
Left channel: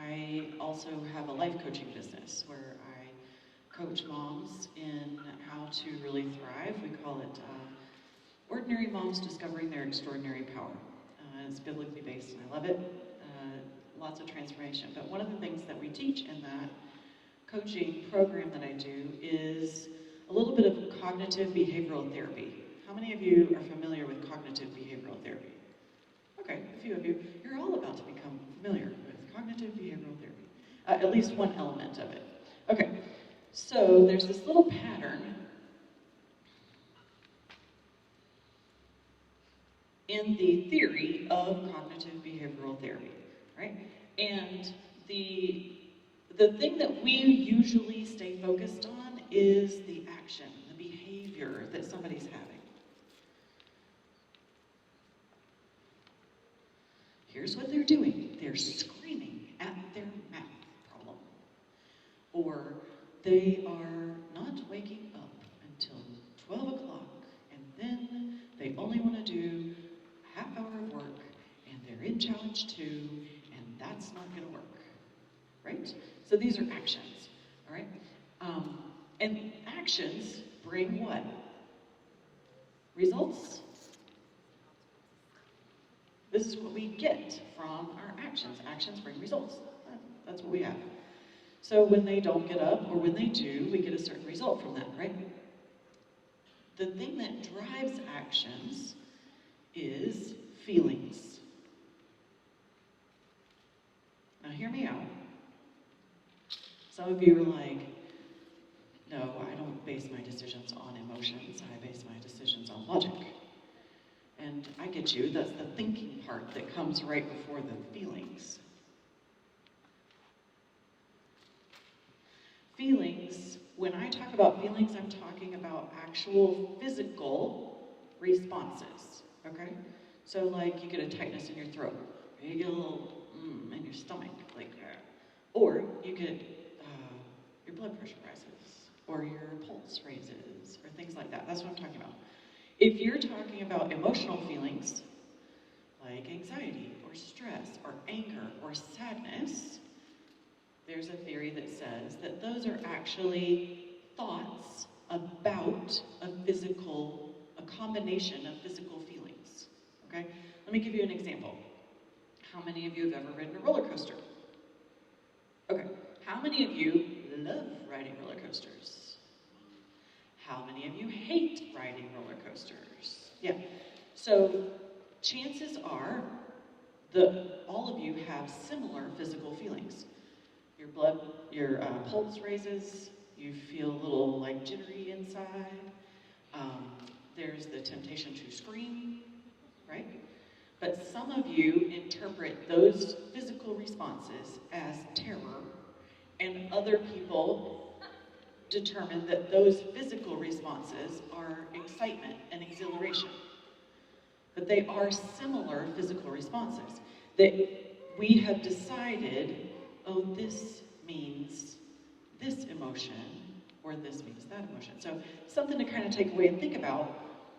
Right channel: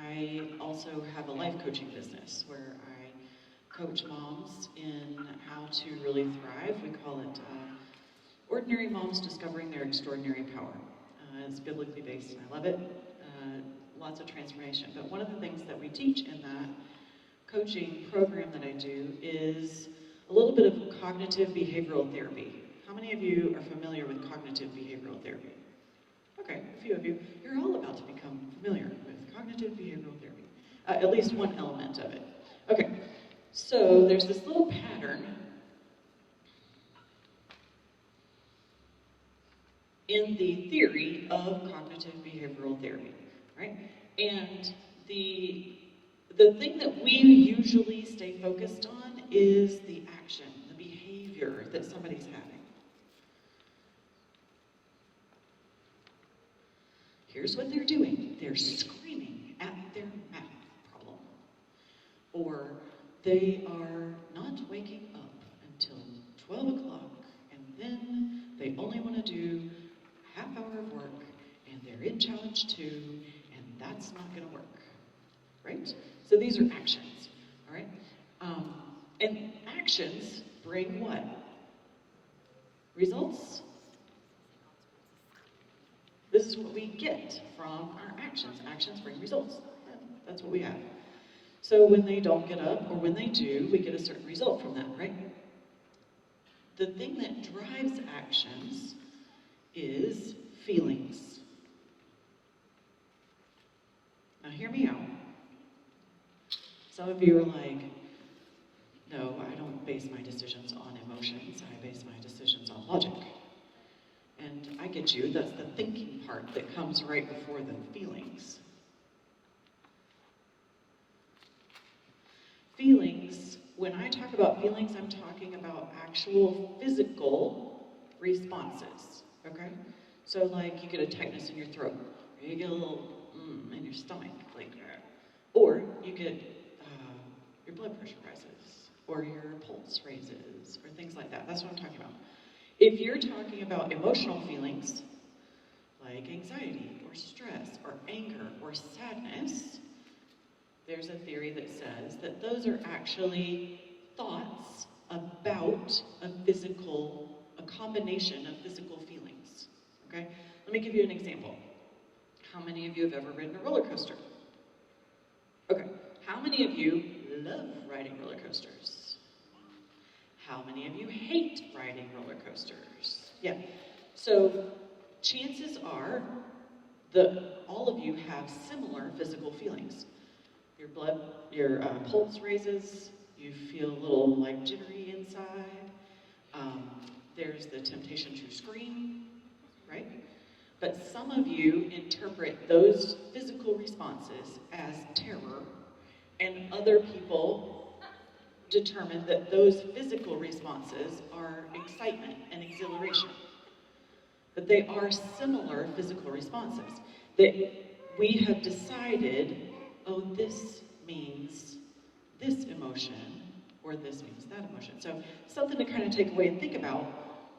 I also have a life coaching business where I coach moms in how to really thrive. We call it Ordinary Moms Discovering Their Extraordinary Power. It's biblically based and I love it. Lots of transformation. But one of the things that we teach in that coaching program that I do is a little bit of cognitive behavioral therapy. How many of you are familiar with cognitive behavioral therapy? Okay, a few of you. You're all about to become familiar with cognitive behavioral therapy. At least one element of it. Okay, so there's this little pattern in the theory of cognitive behavioral therapy, right? And the thing that we usually stay focused on is the action, the behavior that somebody's having. Here's what they're doing. They're screaming at their math problem. Or they are not waking up until 12 o'clock, and then they only want to do a half hour of work, and they're in challenge 2, and that's not going to work, right? So these are actions, all right? And actions bring what? Results. This is what we get from our actions. Actions bring results. That's what we have. So when they don't get up, or when they do, we get a certain result from that, right? The thing that drives actions is feelings. Now hear me out. Some of you are like, no, I don't base my decisions on emotions, I base my decisions on logic. And I get you, that's the thinking part that comes right before the feelings. Feelings, when I talk about feelings, I'm talking about actual physical responses, okay? So like you get a tightness in your throat, or you get a little in your stomach, like that. Or you get your blood pressure rises, or your pulse raises, or things like that. That's what I'm talking about. If you're talking about emotional feelings, like anxiety, or stress, or anger, or sadness, there's a theory that says that those are actually thoughts about a combination of physical feelings. Okay? Let me give you an example. How many of you have ever ridden a roller coaster? Okay. How many of you love riding roller coasters? How many of you hate riding roller coasters? Yeah. So chances are that all of you have similar physical feelings. Your pulse raises, you feel a little like jittery inside. There's the temptation to scream, right? But some of you interpret those physical responses as terror, and other people determine that those physical responses are excitement and exhilaration. But they are similar physical responses. That we have decided, oh, this means this emotion, or this means that emotion. So something to kind of take away and think about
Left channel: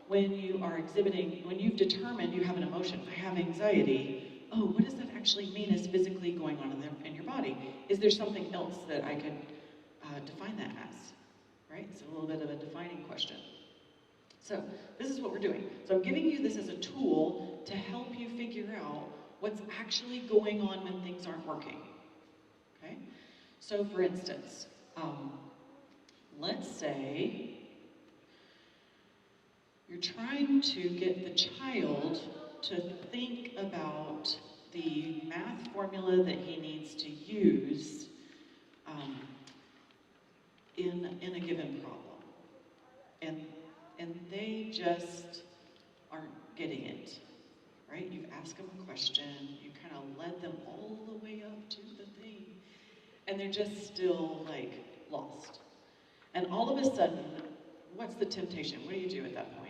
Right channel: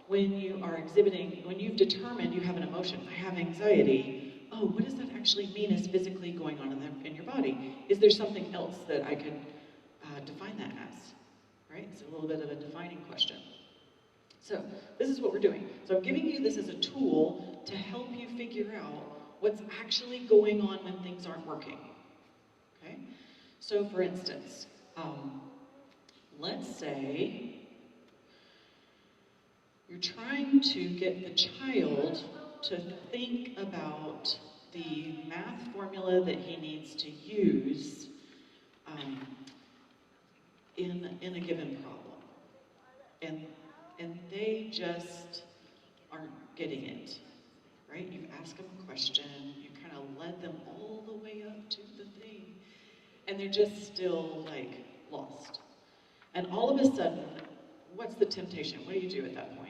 when you are exhibiting, when you've determined you have an emotion, I have anxiety, oh, what does that actually mean is physically going on in your body? Is there something else that I could define that as? Right? It's a little bit of a defining question. So this is what we're doing. So I'm giving you this as a tool to help you figure out what's actually going on when things aren't working. Okay? So for instance, let's say you're trying to get the child to think about the math formula that he needs to use in a given problem. And they just aren't getting it, right? You ask them a question, you kind of led them all the way up to the thing, and they're just still, like, lost. And all of a sudden, what's the temptation? What do you do at that point?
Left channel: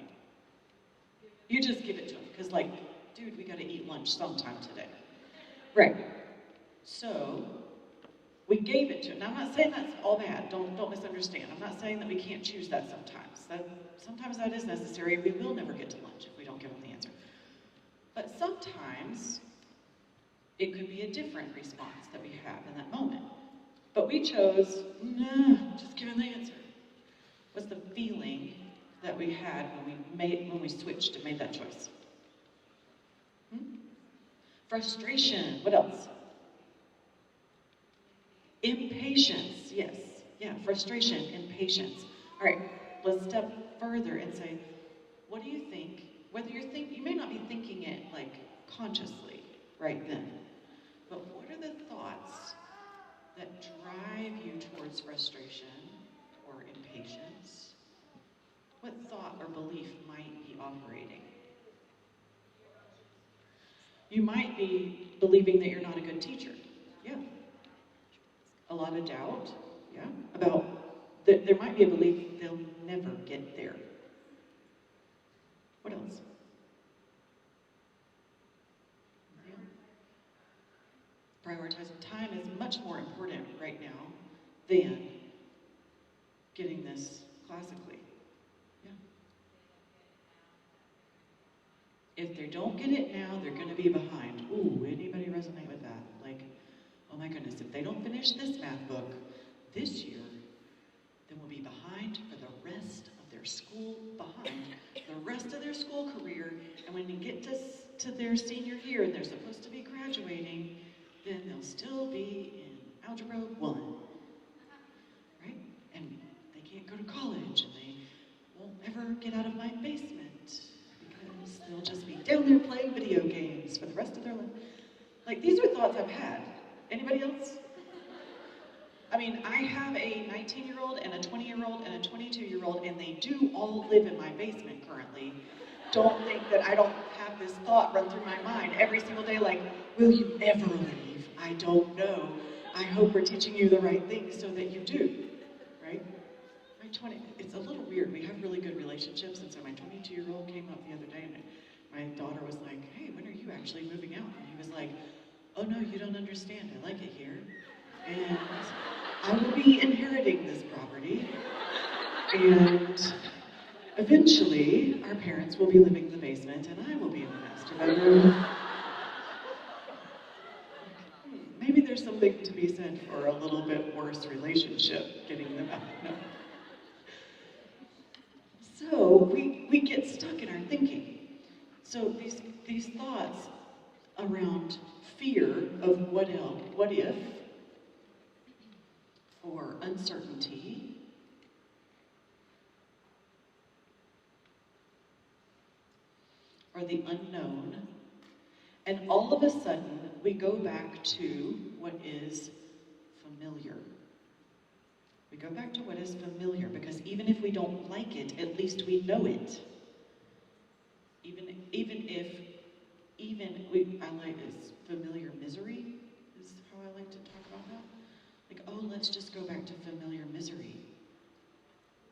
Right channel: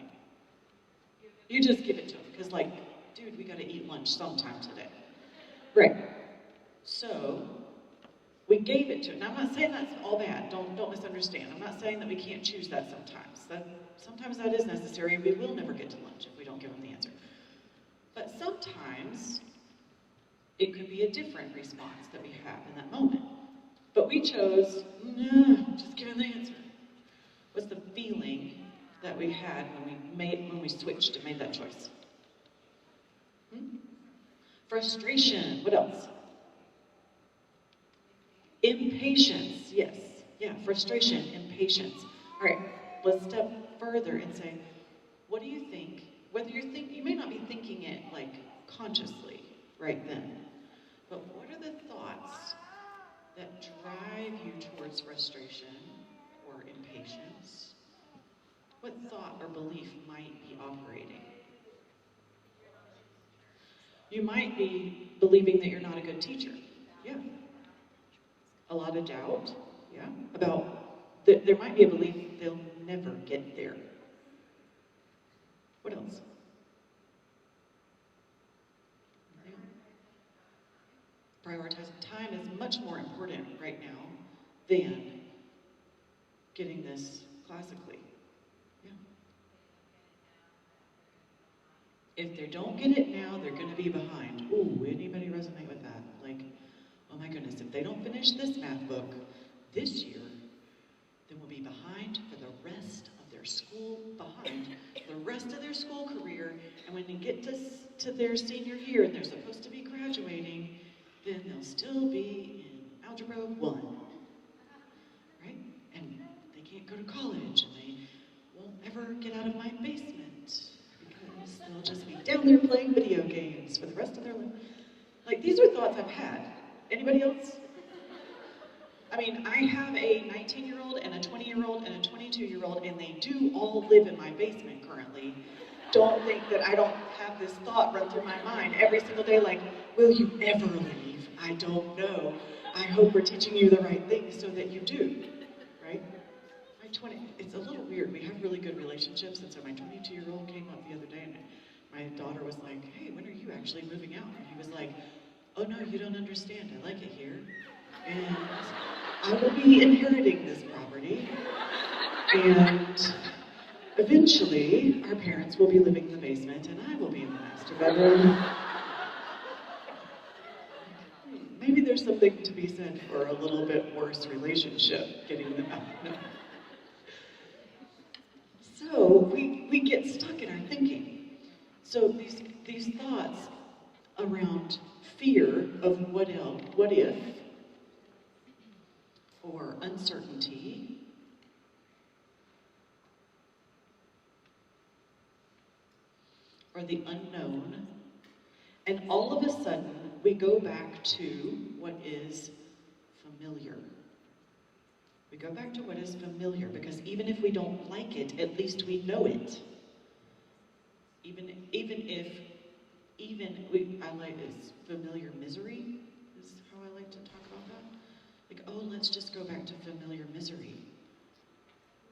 You just give it to them, because, like, dude, we gotta eat lunch sometime today. Right. So, we gave it to him. Now, I'm not saying that's all bad. Don't misunderstand. I'm not saying that we can't choose that sometimes. Sometimes that is necessary. We will never get to lunch if we don't give them the answer. But sometimes it could be a different response that we have in that moment. But we chose, no, just give them the answer. What's the feeling that we had when we switched and made that choice? Frustration. What else? Impatience. Yes. Yeah, frustration, impatience. All right, let's step further and say, what do you think? You may not be thinking it like consciously right then, but what are the thoughts that drive you towards frustration or impatience? What thought or belief might be operating? You might be believing that you're not a good teacher. Yeah. A lot of doubt. Yeah. About there might be a belief they'll never get there. What else? Prioritizing time is much more important right now than getting this classically. Yeah. If they don't get it now, they're going to be behind. Ooh, anybody resonate with that? Like, oh my goodness, if they don't finish this math book this year, then we'll be behind for the rest of their school, behind the rest of their school career. And when you get to their senior year and they're supposed to be graduating, then they'll still be in Algebra 1, right? And they can't go to college, and they won't ever get out of my basement, because they'll just be down there playing video games for the rest of their life. Like, these are thoughts I've had. Anybody else? I mean, I have a 19-year-old and a 20-year-old and a 22-year-old, and they do all live in my basement currently. Don't think that I don't have this thought run through my mind every single day, like, will you ever leave? I don't know. I hope we're teaching you the right things so that you do, right? It's a little weird. We have really good relationships, and so my 22-year-old came up the other day, and my daughter was like, hey, when are you actually moving out? And he was like, oh no, you don't understand. I like it here. And I will be inheriting this property, and eventually our parents will be living in the basement, and I will be in the master bedroom. Maybe there's something to be said for a little bit worse relationship getting them out. No. So these thoughts around fear of what if, or uncertainty, or the unknown, and all of a sudden we go back to what is familiar. We go back to what is familiar because even if we don't like it, at least we know it. I like is familiar misery is how I like to talk about that. Like, oh, let's just go back to familiar misery.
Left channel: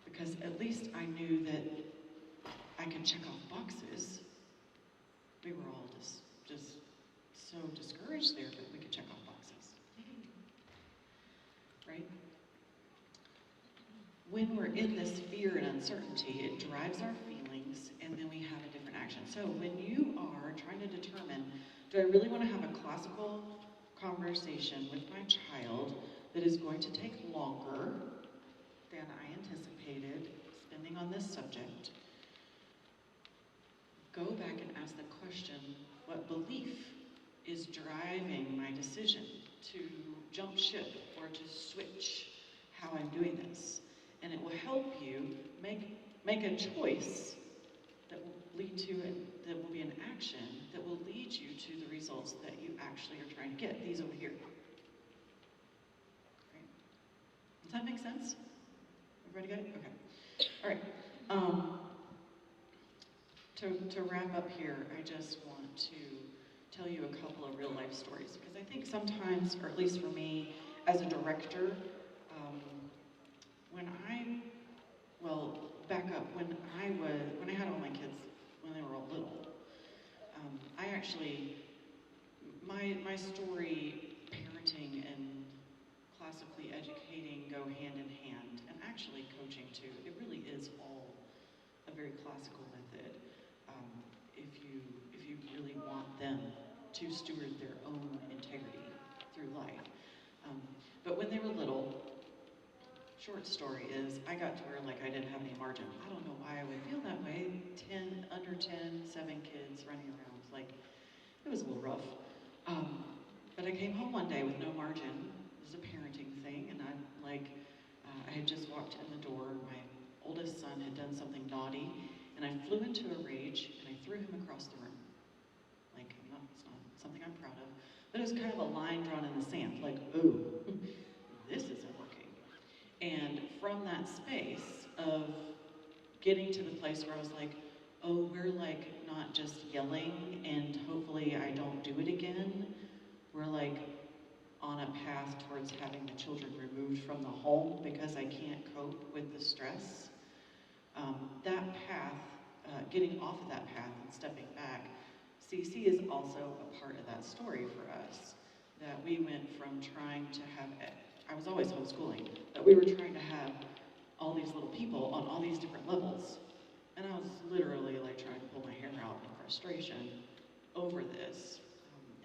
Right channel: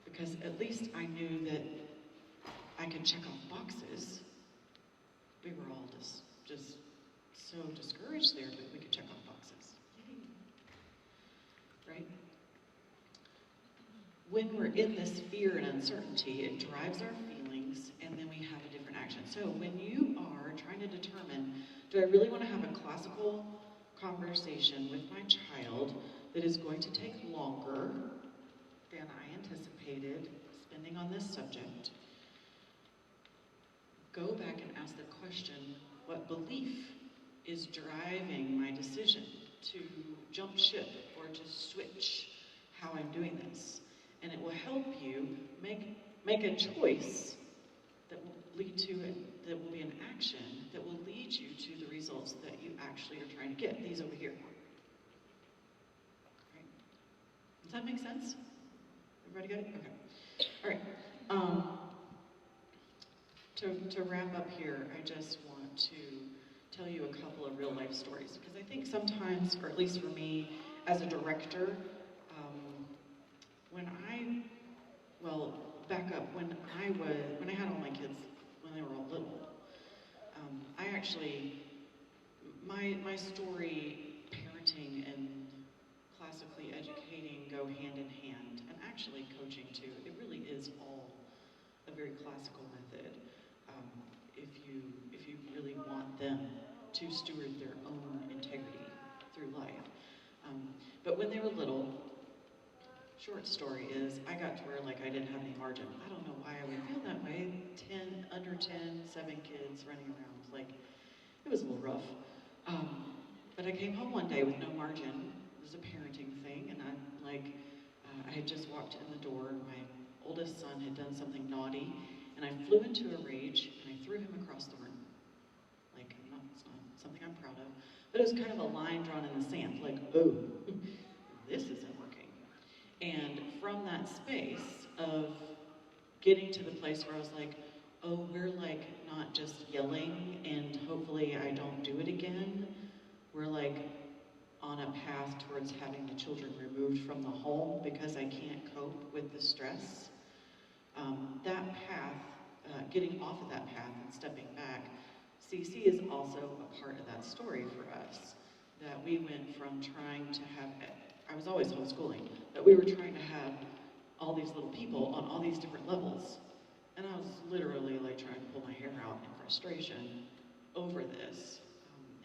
Because at least I knew that I could check off boxes. We were all just so discouraged there, but we could check off boxes. Right? When we're in this fear and uncertainty, it drives our feelings, and then we have a different action. So when you are trying to determine, do I really want to have a classical conversation with my child that is going to take longer than I anticipated spending on this subject? Go back and ask the question, what belief is driving my decision to jump ship or to switch how I'm doing this? And it will help you make a choice that will lead to it, that will be an action that will lead you to the results that you actually are trying to get. These over here. Okay. Does that make sense? Everybody got it? Okay. All right. To wrap up here, I just want to tell you a couple of real life stories because I think sometimes, or at least for me, as a director, back up, when I had all my kids when they were all little, I actually, my story, parenting and classically educating go hand in hand, and actually coaching too. It really is all a very classical method. If you really want them to steward their own integrity through life. But when they were little, short story is, I got to where like I didn't have any margin. I don't know why I would feel that way. 7 kids running around. Like, it was a little rough. But I came home one day with no margin. It was a parenting thing, and I had just walked in the door, and my oldest son had done something naughty, and I flew into a rage, and I threw him across the room. Like, it's not something I'm proud of, but it was kind of a line drawn in the sand, like, oh, this isn't working. And from that space of getting to the place where I was like, oh, we're like not just yelling and hopefully I don't do it again. We're like on a path towards having the children removed from the home because I can't cope with the stress. That path, getting off of that path and stepping back, CC is also a part of that story for us. That we went from trying to have, I was always homeschooling, but we were trying to have all these little people on all these different levels. And I was literally like trying to pull my hair out in frustration over this.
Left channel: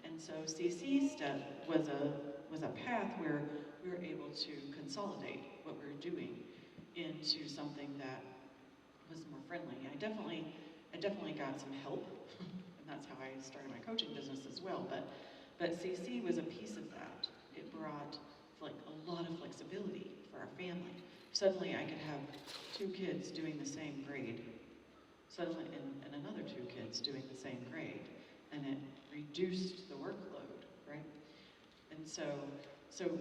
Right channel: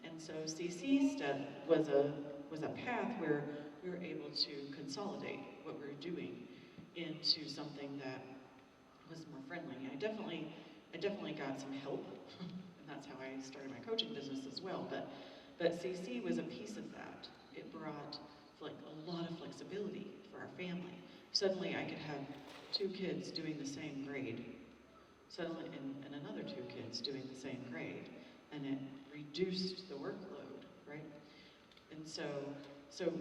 And so CC step was a path where we were able to consolidate what we were doing into something that was more friendly. I definitely got some help, and that's how I started my coaching business as well. But CC was a piece of that. It brought like a lot of flexibility for our family. Suddenly I could have 2 kids doing the same grade. Suddenly, and another 2 kids doing the same grade, and it reduced the workload, right? And so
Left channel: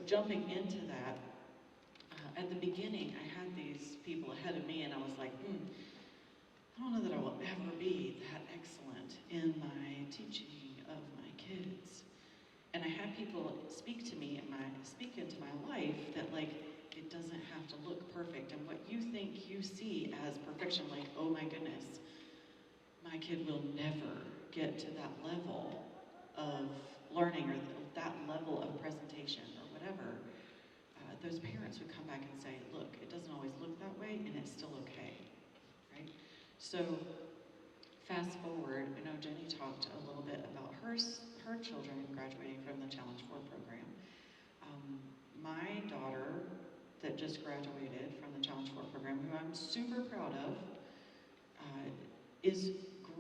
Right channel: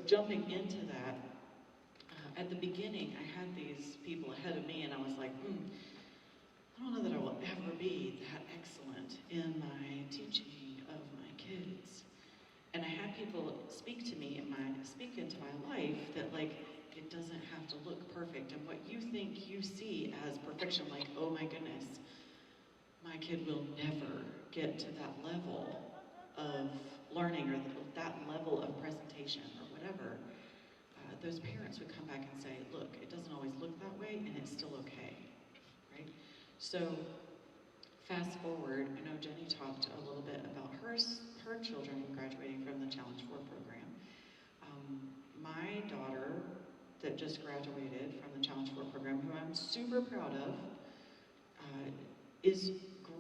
jumping into that, at the beginning, I had these people ahead of me, and I was like, I don't know that I will ever be that excellent in my teaching of my kids. And I had people speak into my life that like, it doesn't have to look perfect. And what you think you see as perfection, like, oh my goodness, my kid will never get to that level of learning or that level of presentation or whatever. Those parents would come back and say, look, it doesn't always look that way and it's still okay, right? So fast forward, I know Jenny talked a little bit about her children graduating from the Challenge 4 program. My daughter that just graduated from the Challenge 4 program, who I'm super proud of, is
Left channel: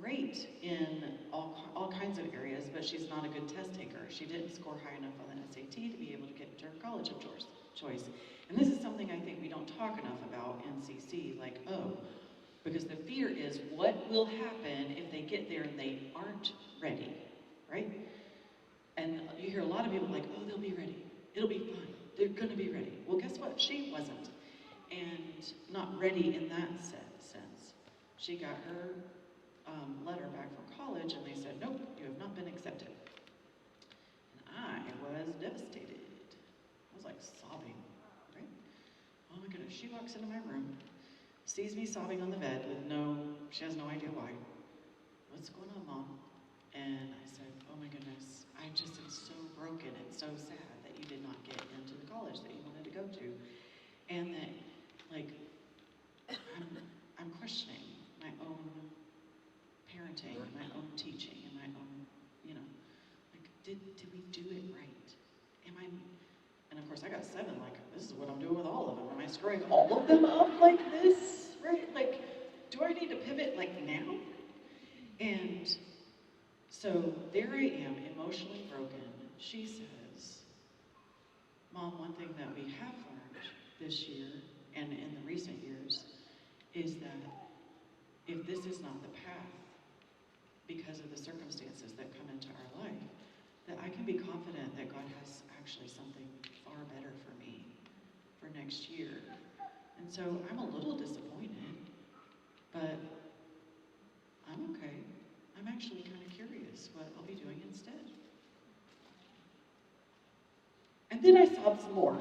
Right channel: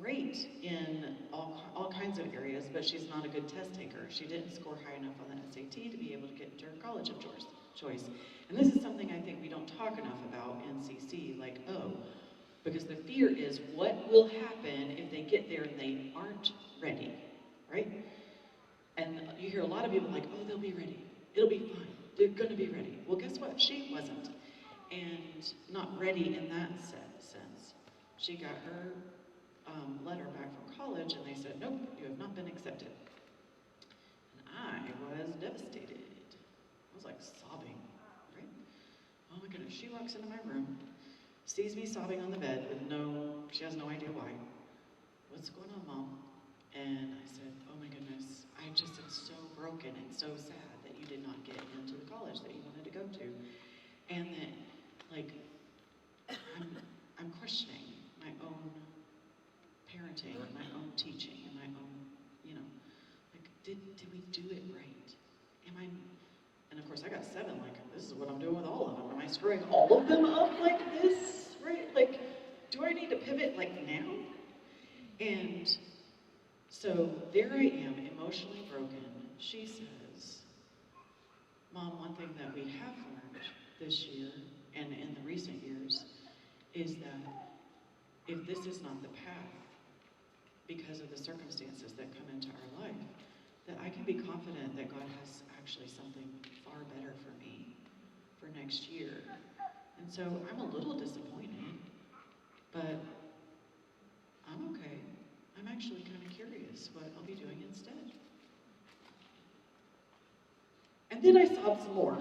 great in all kinds of areas, but she's not a good test taker. She didn't score high enough on the SAT to be able to get into her college of choice. And this is something I think we don't talk enough about in CC, like, oh, because the fear is what will happen if they get there and they aren't ready, right? And you hear a lot of people like, oh, they'll be ready. It'll be fine. They're gonna be ready. Well, guess what? She wasn't. And not ready in that sense. She got her letter back from college and they said, nope, you have not been accepted. And I was devastated. I was like sobbing, right? Oh my goodness, she walks into my room, sees me sobbing on the bed she has no idea why. What's going on, Mom? And I said, oh my goodness, I just am so broken and so sad that you did not get into the college that you wanted to go to. And that, like, I'm questioning my own parenting and my own teaching and my own, like, did we do it right? And of course I got 7, like, this is what I'm doing with all of them. Am I screwing all of them up like this, right? Like, do I need to pivot like now? And so there I am, emotionally broken. She says, Mom, one thing that we have learned this year and in the recent years is that if this is not the path, because of the circumstances that come into our life, that I can be confident that God has actually something far better for me for next year. And so I'm a little disappointed, but I'm okay. I'm actually kind of curious what I'll be doing instead. And then I sobbed some more.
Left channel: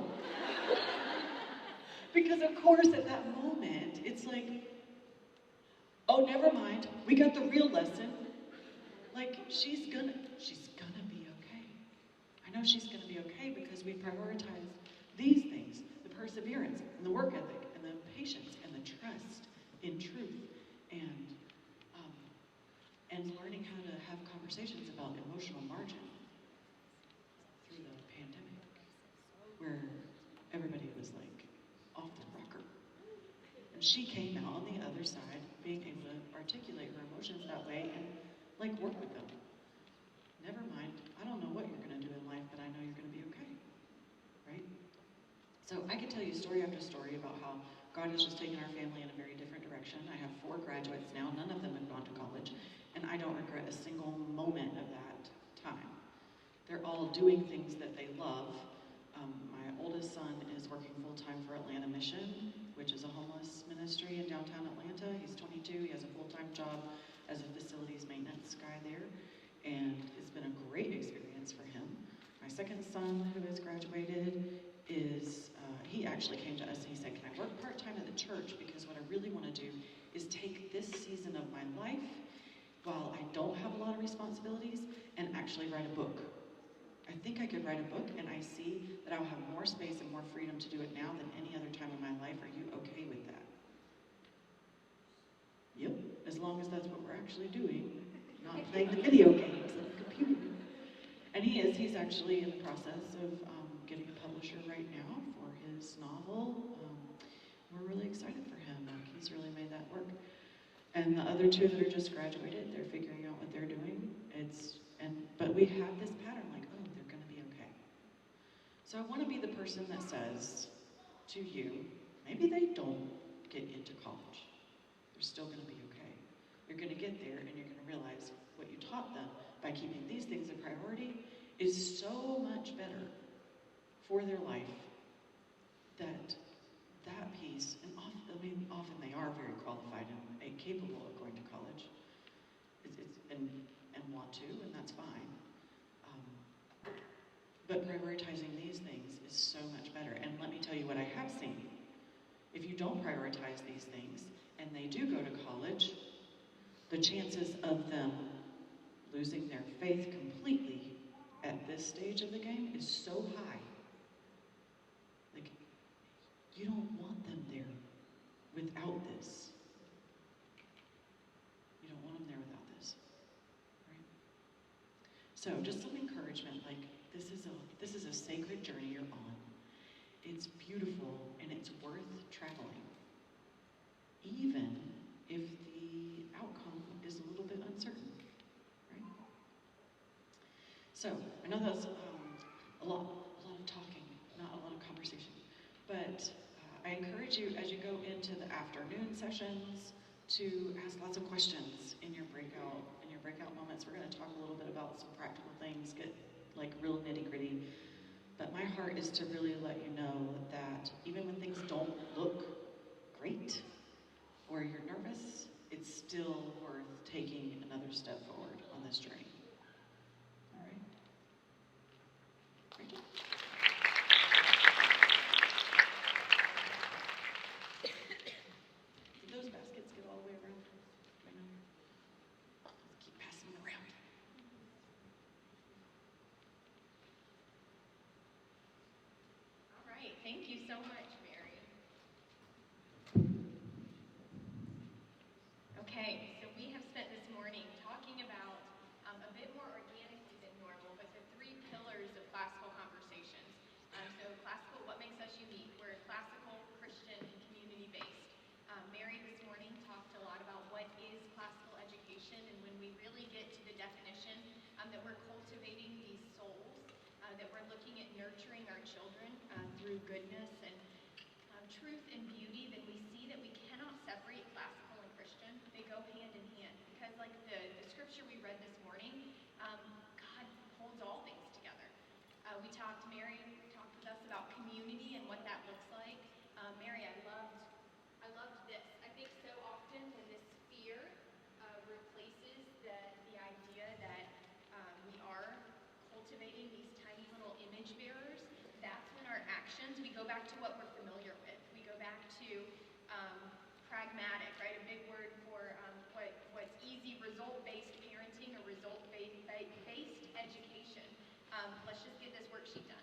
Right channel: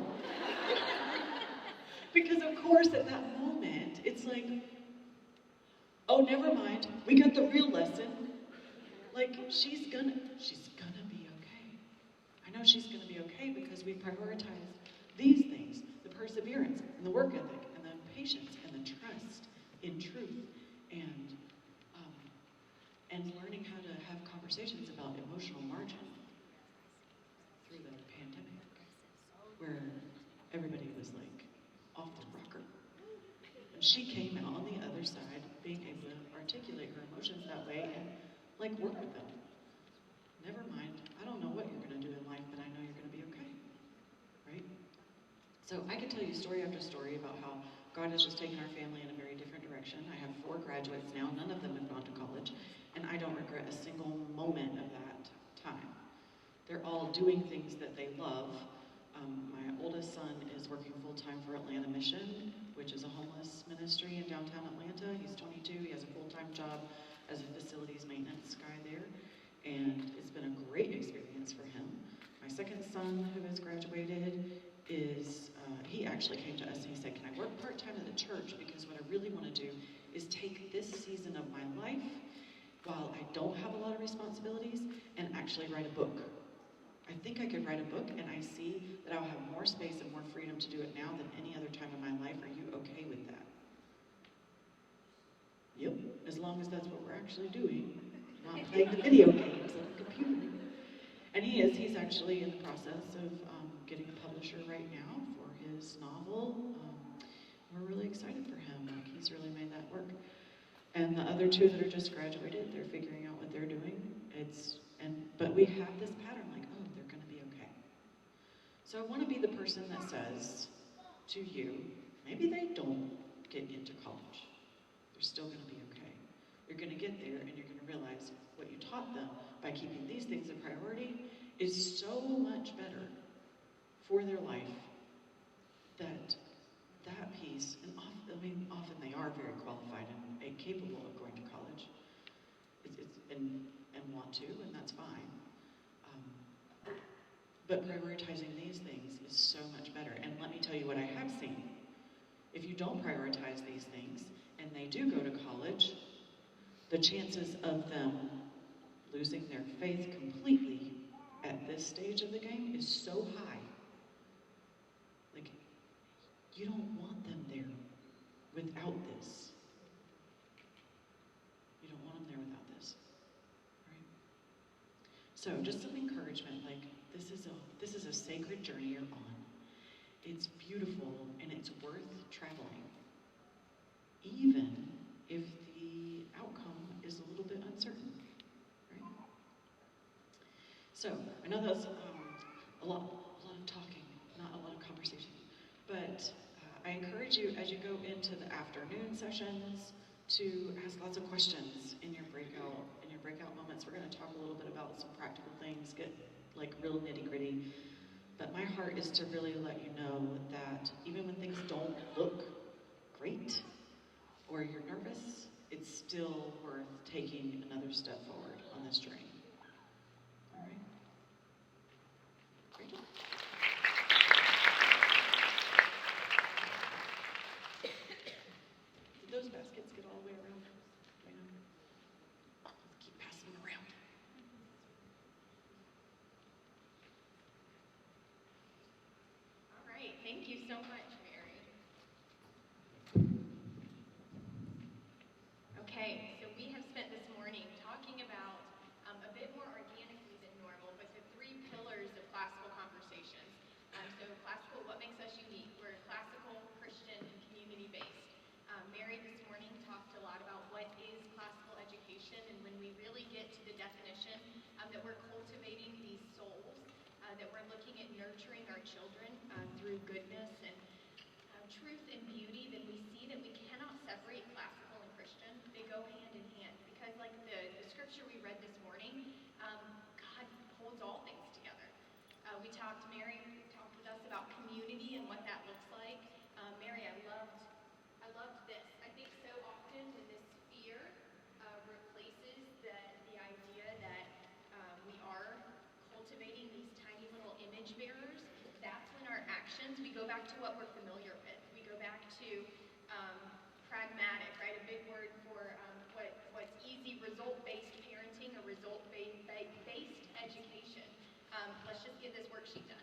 Because of course at that moment, it's like, oh, never mind, we got the real lesson. Like, she's gonna be okay. I know she's gonna be okay because we prioritize these things, the perseverance and the work ethic and the patience and the trust in truth and learning how to have conversations about emotional margin through the pandemic, where everybody was like off the rocker. And she came out on the other side being able to articulate her emotions that way and like work with them. Never mind, I don't know what you're gonna do in life, but I know you're gonna be okay, right? So I could tell you story after story about how God has just taken our family in a very different direction. I have 4 graduates now, none of them have gone to college, and I don't regret a single moment of that time. They're all doing things that they love. My oldest son is working full-time for Atlanta Mission, which is a homeless ministry in downtown Atlanta. He's 22, he has a full-time job as a facilities maintenance guy there, and it's been a great experience for him. My second son, who has graduated, he actually came to us and he said, can I work part-time at the church? Because what I really want to do is take this season of my life while I don't have a lot of responsibilities and actually write a book. I think I could write a book and I see that I'll have more space and more freedom to do it now than any other time in my life. Are you okay with that? Yep, as long as that's what we're actually doing, not playing the video games on the computer. And he's actually in the process of getting a publisher right now for his novel. We're really excited for him. Like, he's really made that work. And the other 2 that are just graduated, they're figuring out what they're doing. But we have this pattern like, oh, they're gonna be okay. So I wanna be the person that says to you, maybe they don't get into college. They're still gonna be okay. You're gonna get there and you're gonna realize what you taught them by keeping these things a priority is so much better for their life that piece, and often they are very qualified and capable of going to college, and want to, and that's fine. But prioritizing these things is so much better. And let me tell you what I have seen. If you don't prioritize these things, and they do go to college, the chances of them losing their faith completely at this stage of the game is so high. Like, you don't want them there without this. You don't want them there without this, right? So just some encouragement, like, this is a sacred journey you're on. It's beautiful and it's worth traveling, even if the outcome is a little bit uncertain. So I know that was a lot of talking, not a lot of conversation. But I encourage you as you go into the afternoon sessions to ask lots of questions in your breakout moments. We're going to talk a little bit about some practical things, get like real nitty gritty. But my heart is to really let you know that even when things don't look great or you're nervous, it's still worth taking another step forward on this journey. All right. Rachel? Did those baskets get all the way around? Keep passing them around. All right, thank you so much, Mary. Okay, so we have spent this morning talking about a bit more organically than normal, but the three pillars of classical conversations. So classical, what makes us unique? We're classical, Christian, and community-based. Mary this morning talked a lot about what is classical education, and when we really get to the definition that we're cultivating these souls, that we're looking at nurturing our children through goodness and truth and beauty, then we see that we cannot separate classical and Christian. They go hand in hand because, like the scripture we read this morning, God holds all things together. Mary talked with us about community and what that looks like. Mary, I loved this. I think so often when this fear replaces the idea that we are cultivating these tiny little image bearers, that's when our actions, we go back to what we're familiar with. We go back to pragmatic, right? A big word for what's easy, result-based parenting or result-based education. Let's just get this worksheet done.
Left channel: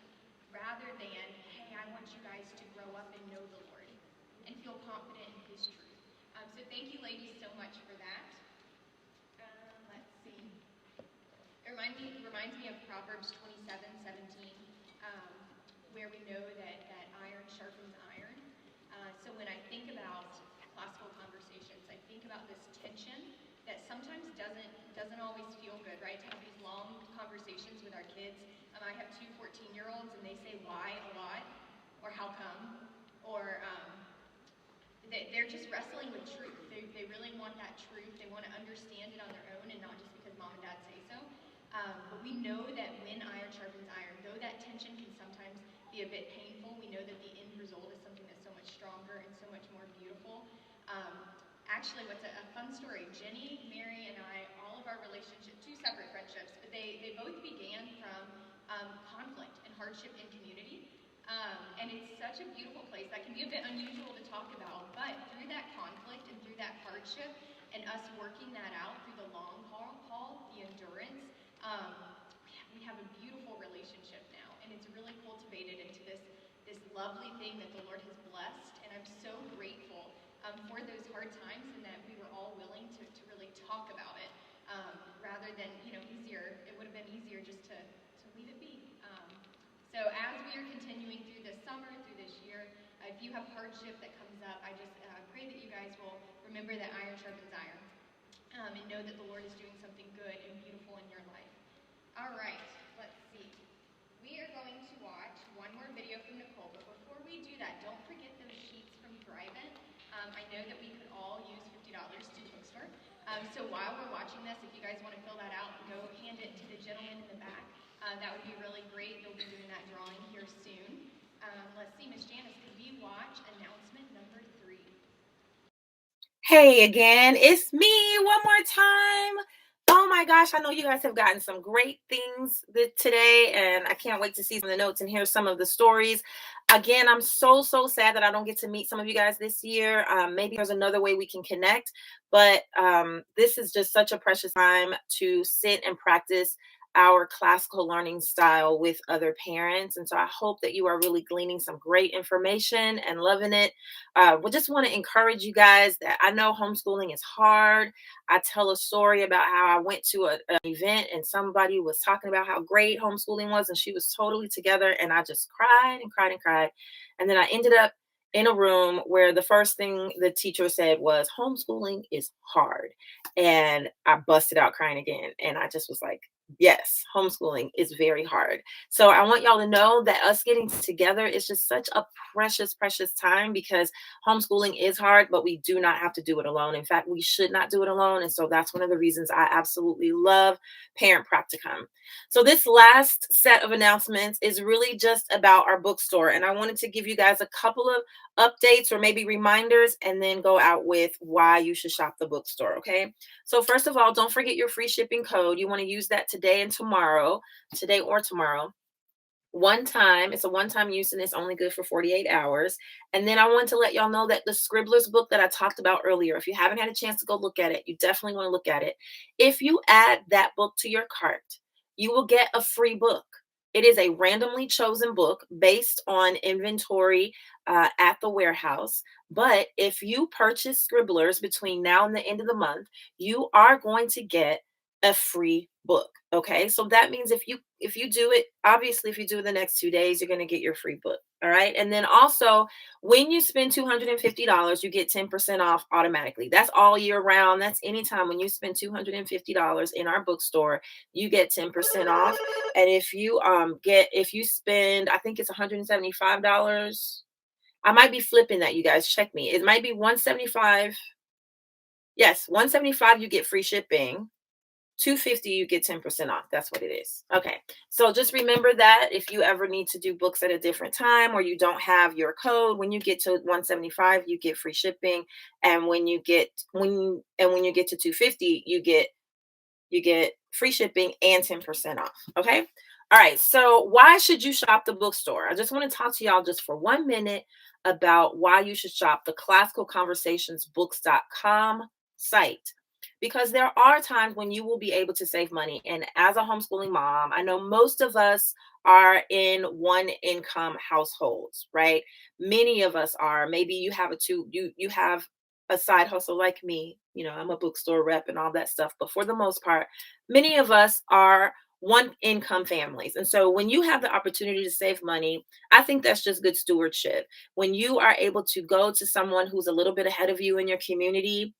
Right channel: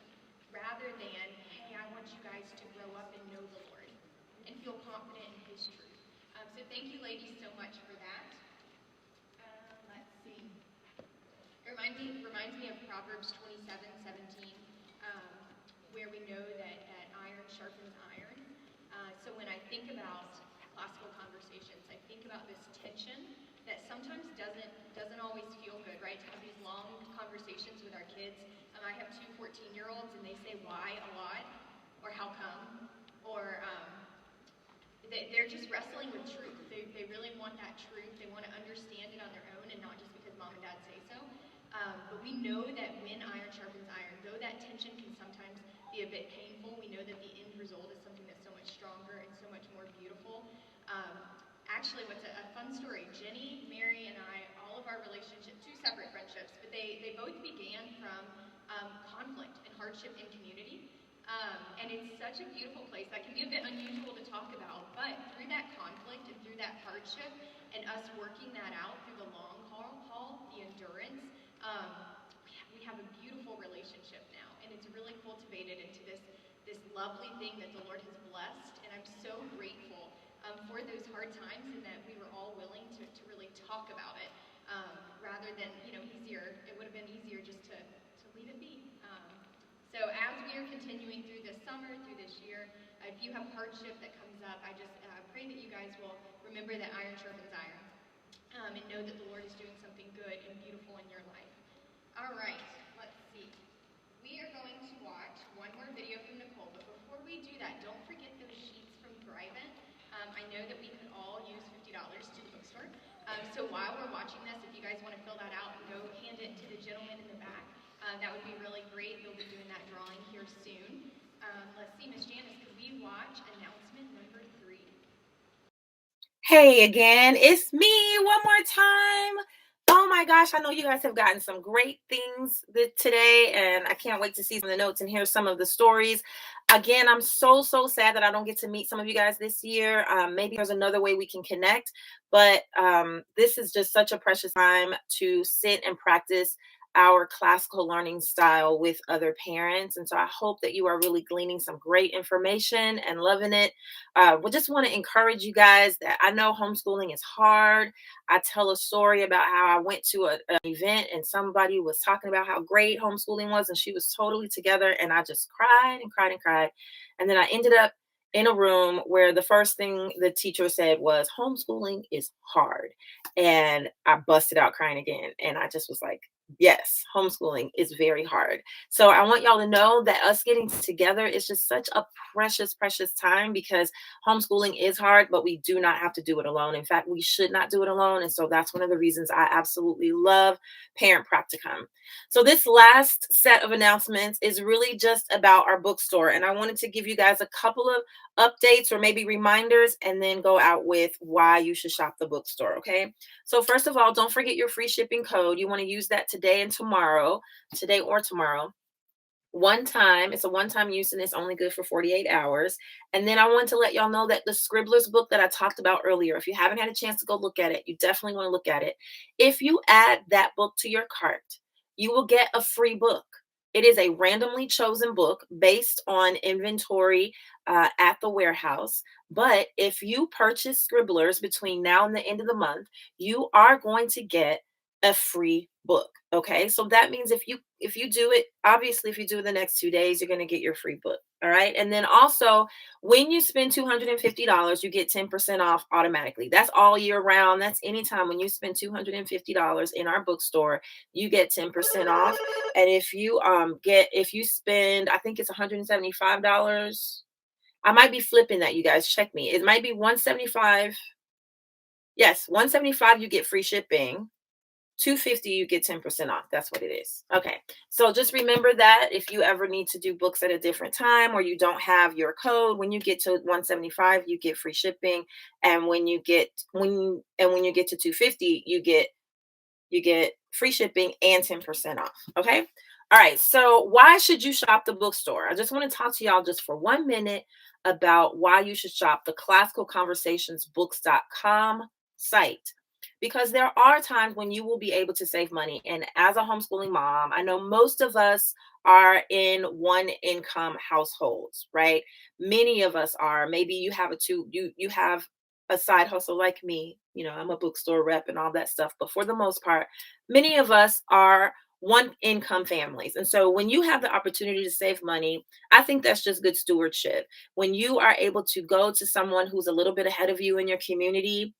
Rather than, hey, I want you guys to grow up and know the Lord and feel confident in His truth. So thank you, ladies, so much for that. Let's see. It reminds me of Proverbs 27:17, where we know that iron sharpens iron. So when I think about classical conversations, I think about this tension that sometimes doesn't always feel good, right? To have these long conversations with our kids. I have two 14-year-olds, and they say why a lot, or how come, or they're just wrestling with truth. They really want that truth. They want to understand it on their own and not just because mom and dad say so. But we know that when iron sharpens iron, though that tension can sometimes be a bit painful, we know that the end result is something that's so much stronger and so much more beautiful. Actually, what's a fun story, Jenny, Mary, and I, all of our relationships, two separate friendships, but they both began from conflict and hardship in community. And it's such a beautiful place that can be a bit unusual to talk about, but through that conflict and through that hardship and us working that out through the long haul, the endurance, we have a beautiful relationship now, and it's really cultivated into this lovely thing that the Lord has blessed, and I'm so grateful for those hard times and that we were all willing to really talk about it, rather than, easier. It would have been easier just to leave it be. So as we are continuing through this summer, through this year, if you have hardship that comes up, I just pray that you guys will remember that iron sharpens iron, and know that the Lord is doing something good and beautiful in your life. All right, let's see. We are going to watch one more video from Nicole, but before we do that, don't forget those sheets from Thrive-It. I know that we could all use $50 to the bookstore. So while we're watching this, if you guys want to fill that out, go hand it to the gentleman in the back. That would be really great. They'll be doing that drawing here soon. Let's see, Miss Janice, could we watch announcement number 3? Hey again, it's me one more time. Oh my gosh, I know you guys have gotten some great things today, and I can't wait to see some of the notes and hear some of the stories. Again, I'm so sad that I don't get to meet some of you guys this year. Maybe there's another way we can connect, but this is just such a precious time to sit and practice our classical learning style with other parents. And so I hope that you are really gleaning some great information and loving it. We just want to encourage you guys that I know homeschooling is hard. I tell a story about how I went to an event and somebody was talking about how great homeschooling was, and she was totally together, and I just cried and cried and cried. And then I ended up in a room where the first thing the teacher said was, homeschooling is hard. And I busted out crying again. And I just was like, Yes, homeschooling is very hard. So I want y'all to know that us getting together is just such a precious, precious time because homeschooling is hard, but we do not have to do it alone. In fact, we should not do it alone. And so that's one of the reasons I absolutely love Parent Practicum. So this last set of announcements is really just about our bookstore. And I wanted to give you guys a couple of updates or maybe reminders and then go out with why you should shop the bookstore. Okay. So first of all, don't forget your free shipping code. You want to use that today and tomorrow, today or tomorrow. One time, it's a one-time use and it's only good for 48 hours. And then I want to let y'all know that the Scribblers book that I talked about earlier, if you haven't had a chance to go look at it, you definitely want to look at it. If you add that book to your cart, you will get a free book. It is a randomly chosen book based on inventory at the warehouse. But if you purchase Scribblers between now and the end of the month, you are going to get a free book. Okay. So that means if you do it, obviously if you do it the next 2 days, you're going to get your free book. All right. And then also when you spend $250, you get 10% off automatically. That's all year round. That's anytime when you spend $250 in our bookstore, you get 10% off. And if you spend, I think it's $175. I might be flipping that, you guys. Check me. It might be 175. Yes, 175 you get free shipping. 250 you get 10% off. That's what it is. Okay. So just remember that if you ever need to do books at a different time or you don't have your code, when you get to 175 you get free shipping, and when you get to 250 you get free shipping and 10% off. Okay? All right. So why should you shop the bookstore? I just want to talk to y'all just for 1 minute about why you should shop the classicalconversationsbooks.com site, because there are times when you will be able to save money. And as a homeschooling mom, I know most of us are in one income households, right? Many of us are. Maybe you have you have a side hustle like me. I'm a bookstore rep and all that stuff. But for the most part, many of us are one income families. And so when you have the opportunity to save money, I think that's just good stewardship. When you are able to go to someone who's a little bit ahead of you in your community,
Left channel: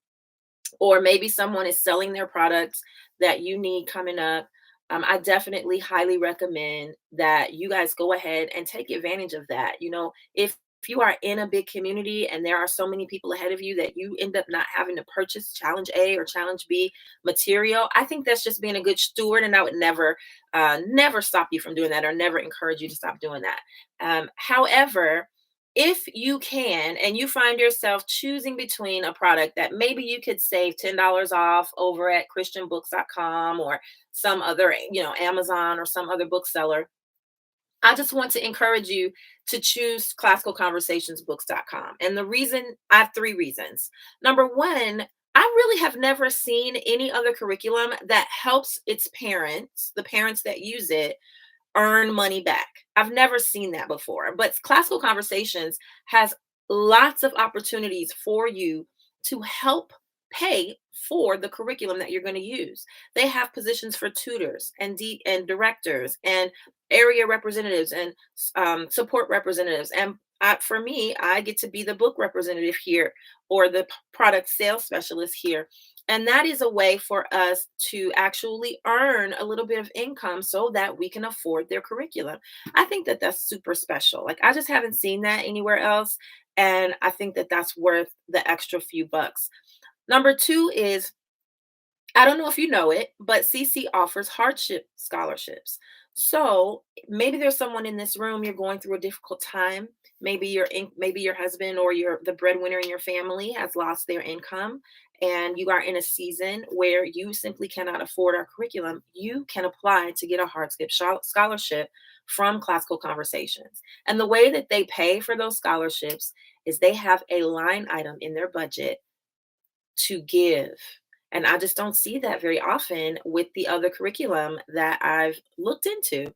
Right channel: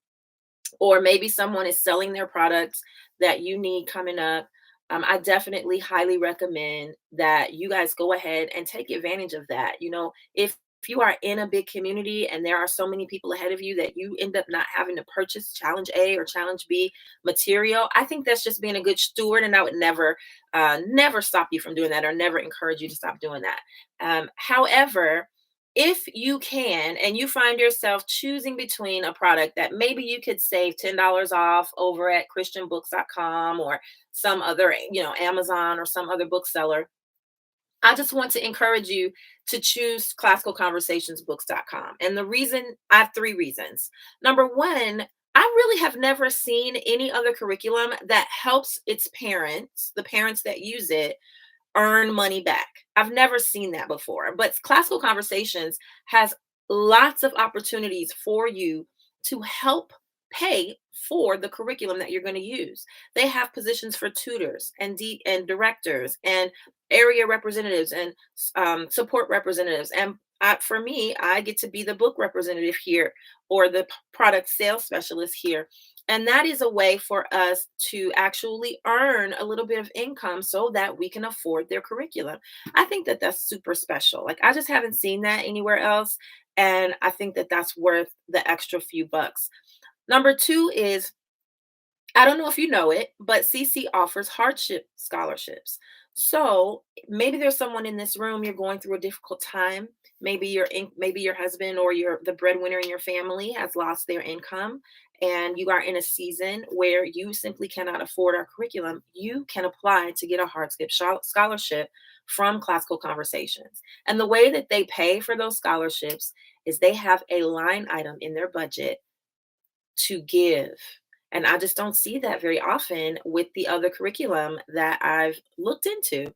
or maybe someone is selling their products that you need coming up, I definitely highly recommend that you guys go ahead and take advantage of that. If you are in a big community and there are so many people ahead of you that you end up not having to purchase Challenge A or Challenge B material, I think that's just being a good steward, and I would never stop you from doing that or never encourage you to stop doing that. However, if you can and you find yourself choosing between a product that maybe you could save $10 off over at christianbooks.com or some other, Amazon or some other bookseller, I just want to encourage you to choose classicalconversationsbooks.com. And I have 3 reasons. Number 1, I really have never seen any other curriculum that helps its parents, the parents that use it, earn money back. I've never seen that before. But Classical Conversations has lots of opportunities for you to help pay for the curriculum that you're going to use. They have positions for tutors and directors and area representatives and support representatives. And for me, I get to be the book representative here or the product sales specialist here. And that is a way for us to actually earn a little bit of income so that we can afford their curriculum. I think that that's super special. Like, I just haven't seen that anywhere else. And I think that that's worth the extra few bucks. Number 2 is, I don't know if you know it, but CC offers hardship scholarships. So maybe there's someone in this room, you're going through a difficult time. Maybe your husband or the breadwinner in your family has lost their income, and you are in a season where you simply cannot afford our curriculum. You can apply to get a hardship scholarship from Classical Conversations. And the way that they pay for those scholarships is they have a line item in their budget to give. And I just don't see that very often with the other curriculum that I've looked into.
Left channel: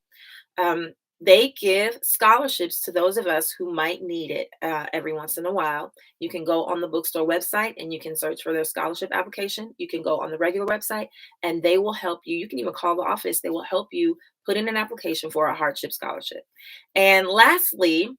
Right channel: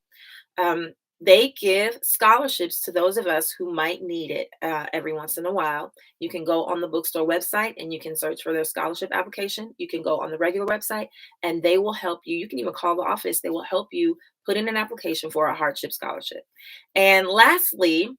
Um, they give scholarships to those of us who might need it every once in a while. You can go on the bookstore website and you can search for their scholarship application. You can go on the regular website and they will help you. You can even call the office. They will help you put in an application for a hardship scholarship. And lastly,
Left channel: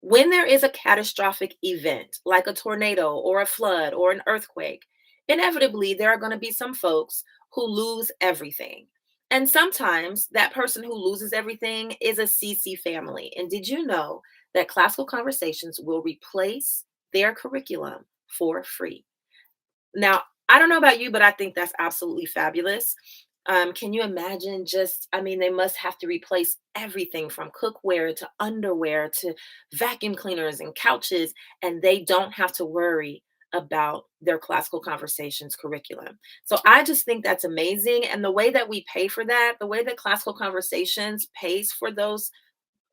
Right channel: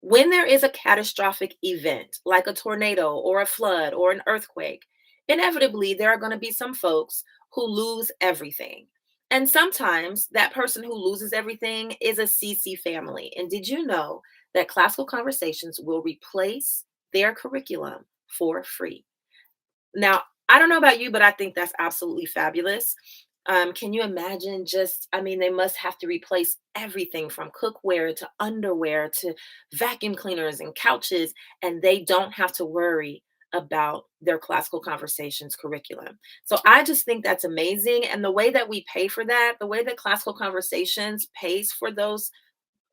when there is a catastrophic event like a tornado or a flood or an earthquake, inevitably there are going to be some folks who lose everything. And sometimes that person who loses everything is a CC family. And did you know that Classical Conversations will replace their curriculum for free? Now, I don't know about you, but I think that's absolutely fabulous. Can you imagine just, I mean, they must have to replace everything from cookware to underwear to vacuum cleaners and couches, and they don't have to worry about their Classical Conversations curriculum. So I just think that's amazing. And the way that we pay for that, the way that Classical Conversations pays for those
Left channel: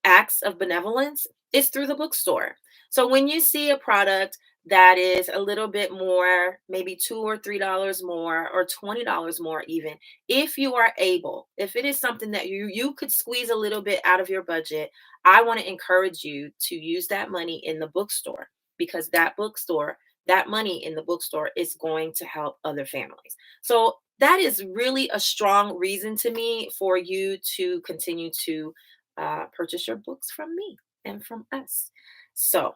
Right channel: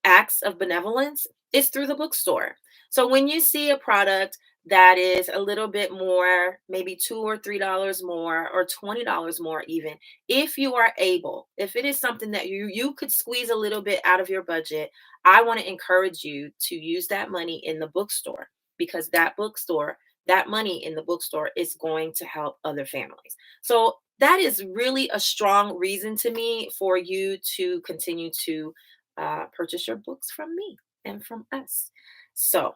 acts of benevolence is through the bookstore. So when you see a product that is a little bit more, maybe $2 or $3 more, or $20 more, even if you are able, if it is something that you could squeeze a little bit out of your budget, I want to encourage you to use that money in the bookstore, because that bookstore, that money in the bookstore is going to help other families. So that is really a strong reason to me for you to continue to purchase your books from me and from us. So,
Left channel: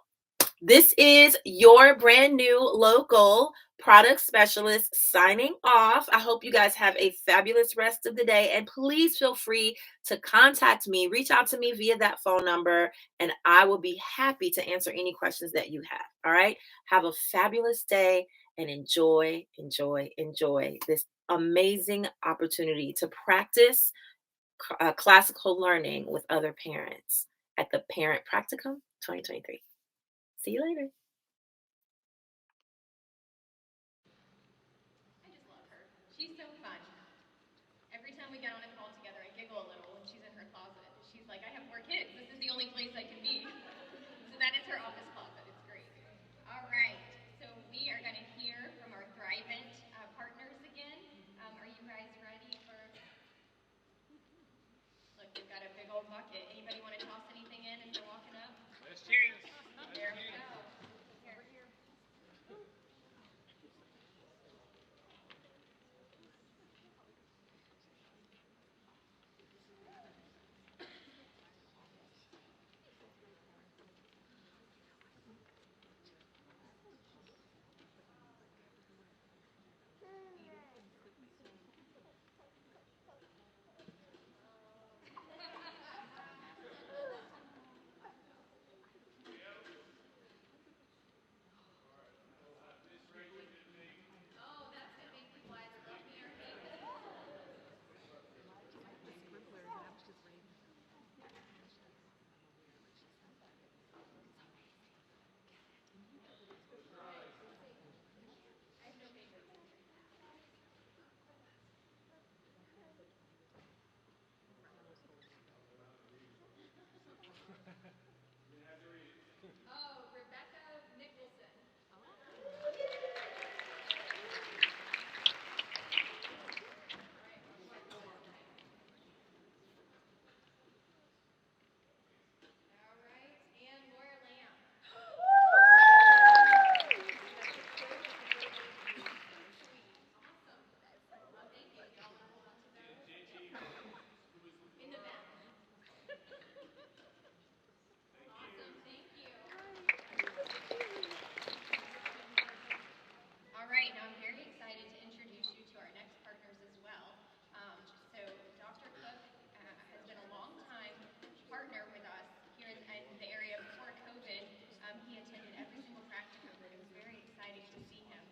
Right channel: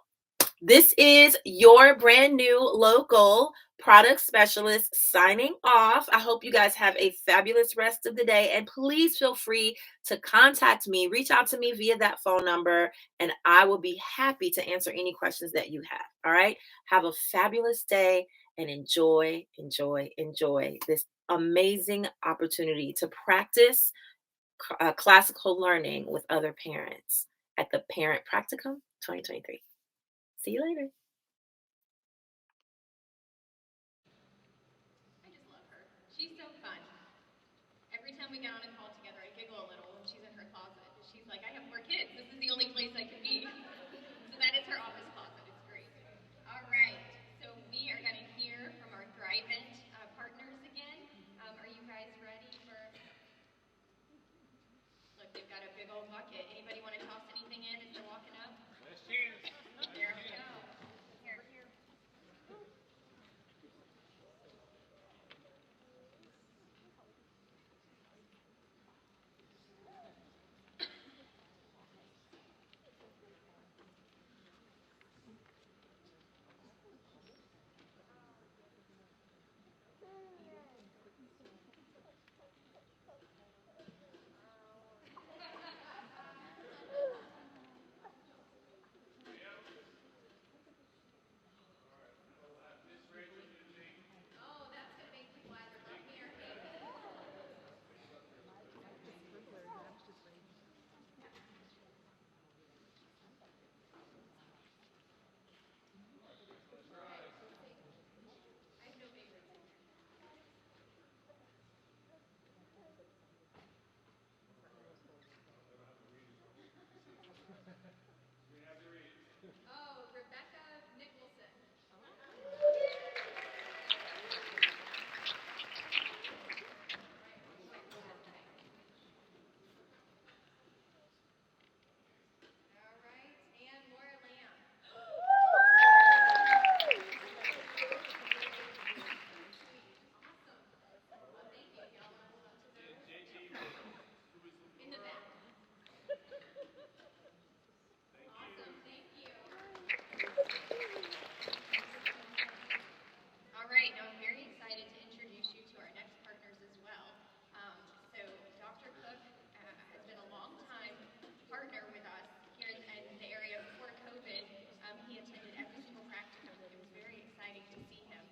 this is your brand new local product specialist signing off. I hope you guys have a fabulous rest of the day. And please feel free to contact me, reach out to me via that phone number, and I will be happy to answer any questions that you have. All right. Have a fabulous day and enjoy, enjoy, enjoy this amazing opportunity to practice classical learning with other parents at the Parent Practicum 2023. See you later. I just love her. She's so fun. Every time we get on a call together, I giggle a little when she's in her closet. She's like, I have 4 kids. This is the only place I can be. So that is her office closet. It's great. All right. So we are going to hear from our Thrivent partners again. Are you guys ready for? Look, we've got a big old bucket. Anybody want to toss anything in as they're walking up? Here we go. Here, here. Oh, that's going to make people either love me or hate me. I have no favorites. Oh, Rebecca Nicholson. All right, and Laura Lamb. Awesome. Well, thank you. Y'all want to hold on to those? In the back. Awesome. Thank you. All right. Now I'm very excited to introduce you to our next partners as well. So Dr. Cook has been a long time partner with us here in the area. Before COVID, he attended every single practicum, and it was very exciting to see him.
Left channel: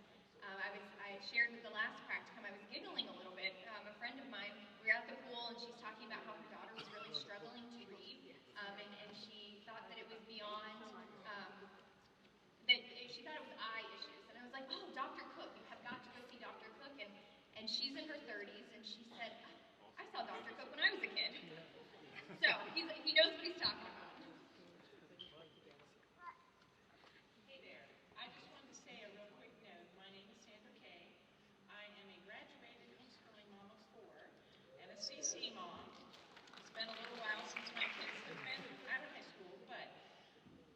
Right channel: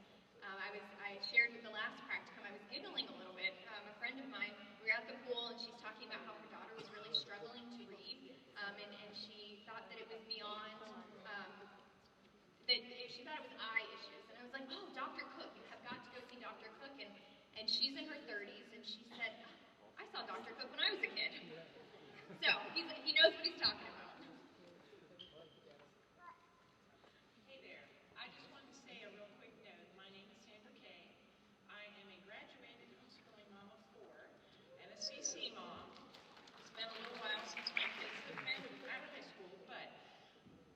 I shared with the last practicum, I was giggling a little bit. A friend of mine, we were at the pool, and she's talking about how her daughter was really struggling to read, and she thought that it was beyond, that she thought it was eye issues. And I was like, oh, Dr. Cook, you have got to go see Dr. Cook. And she's in her 30s, and she said, I saw Dr. Cook when I was a kid. So he knows what he's talking about. Hey there. I just wanted to say a real quick note. My name is Sandra Kay. I am a graduated homeschooling mom of 4 and a CC mom. It's been a little while since my kids have been out of high school, but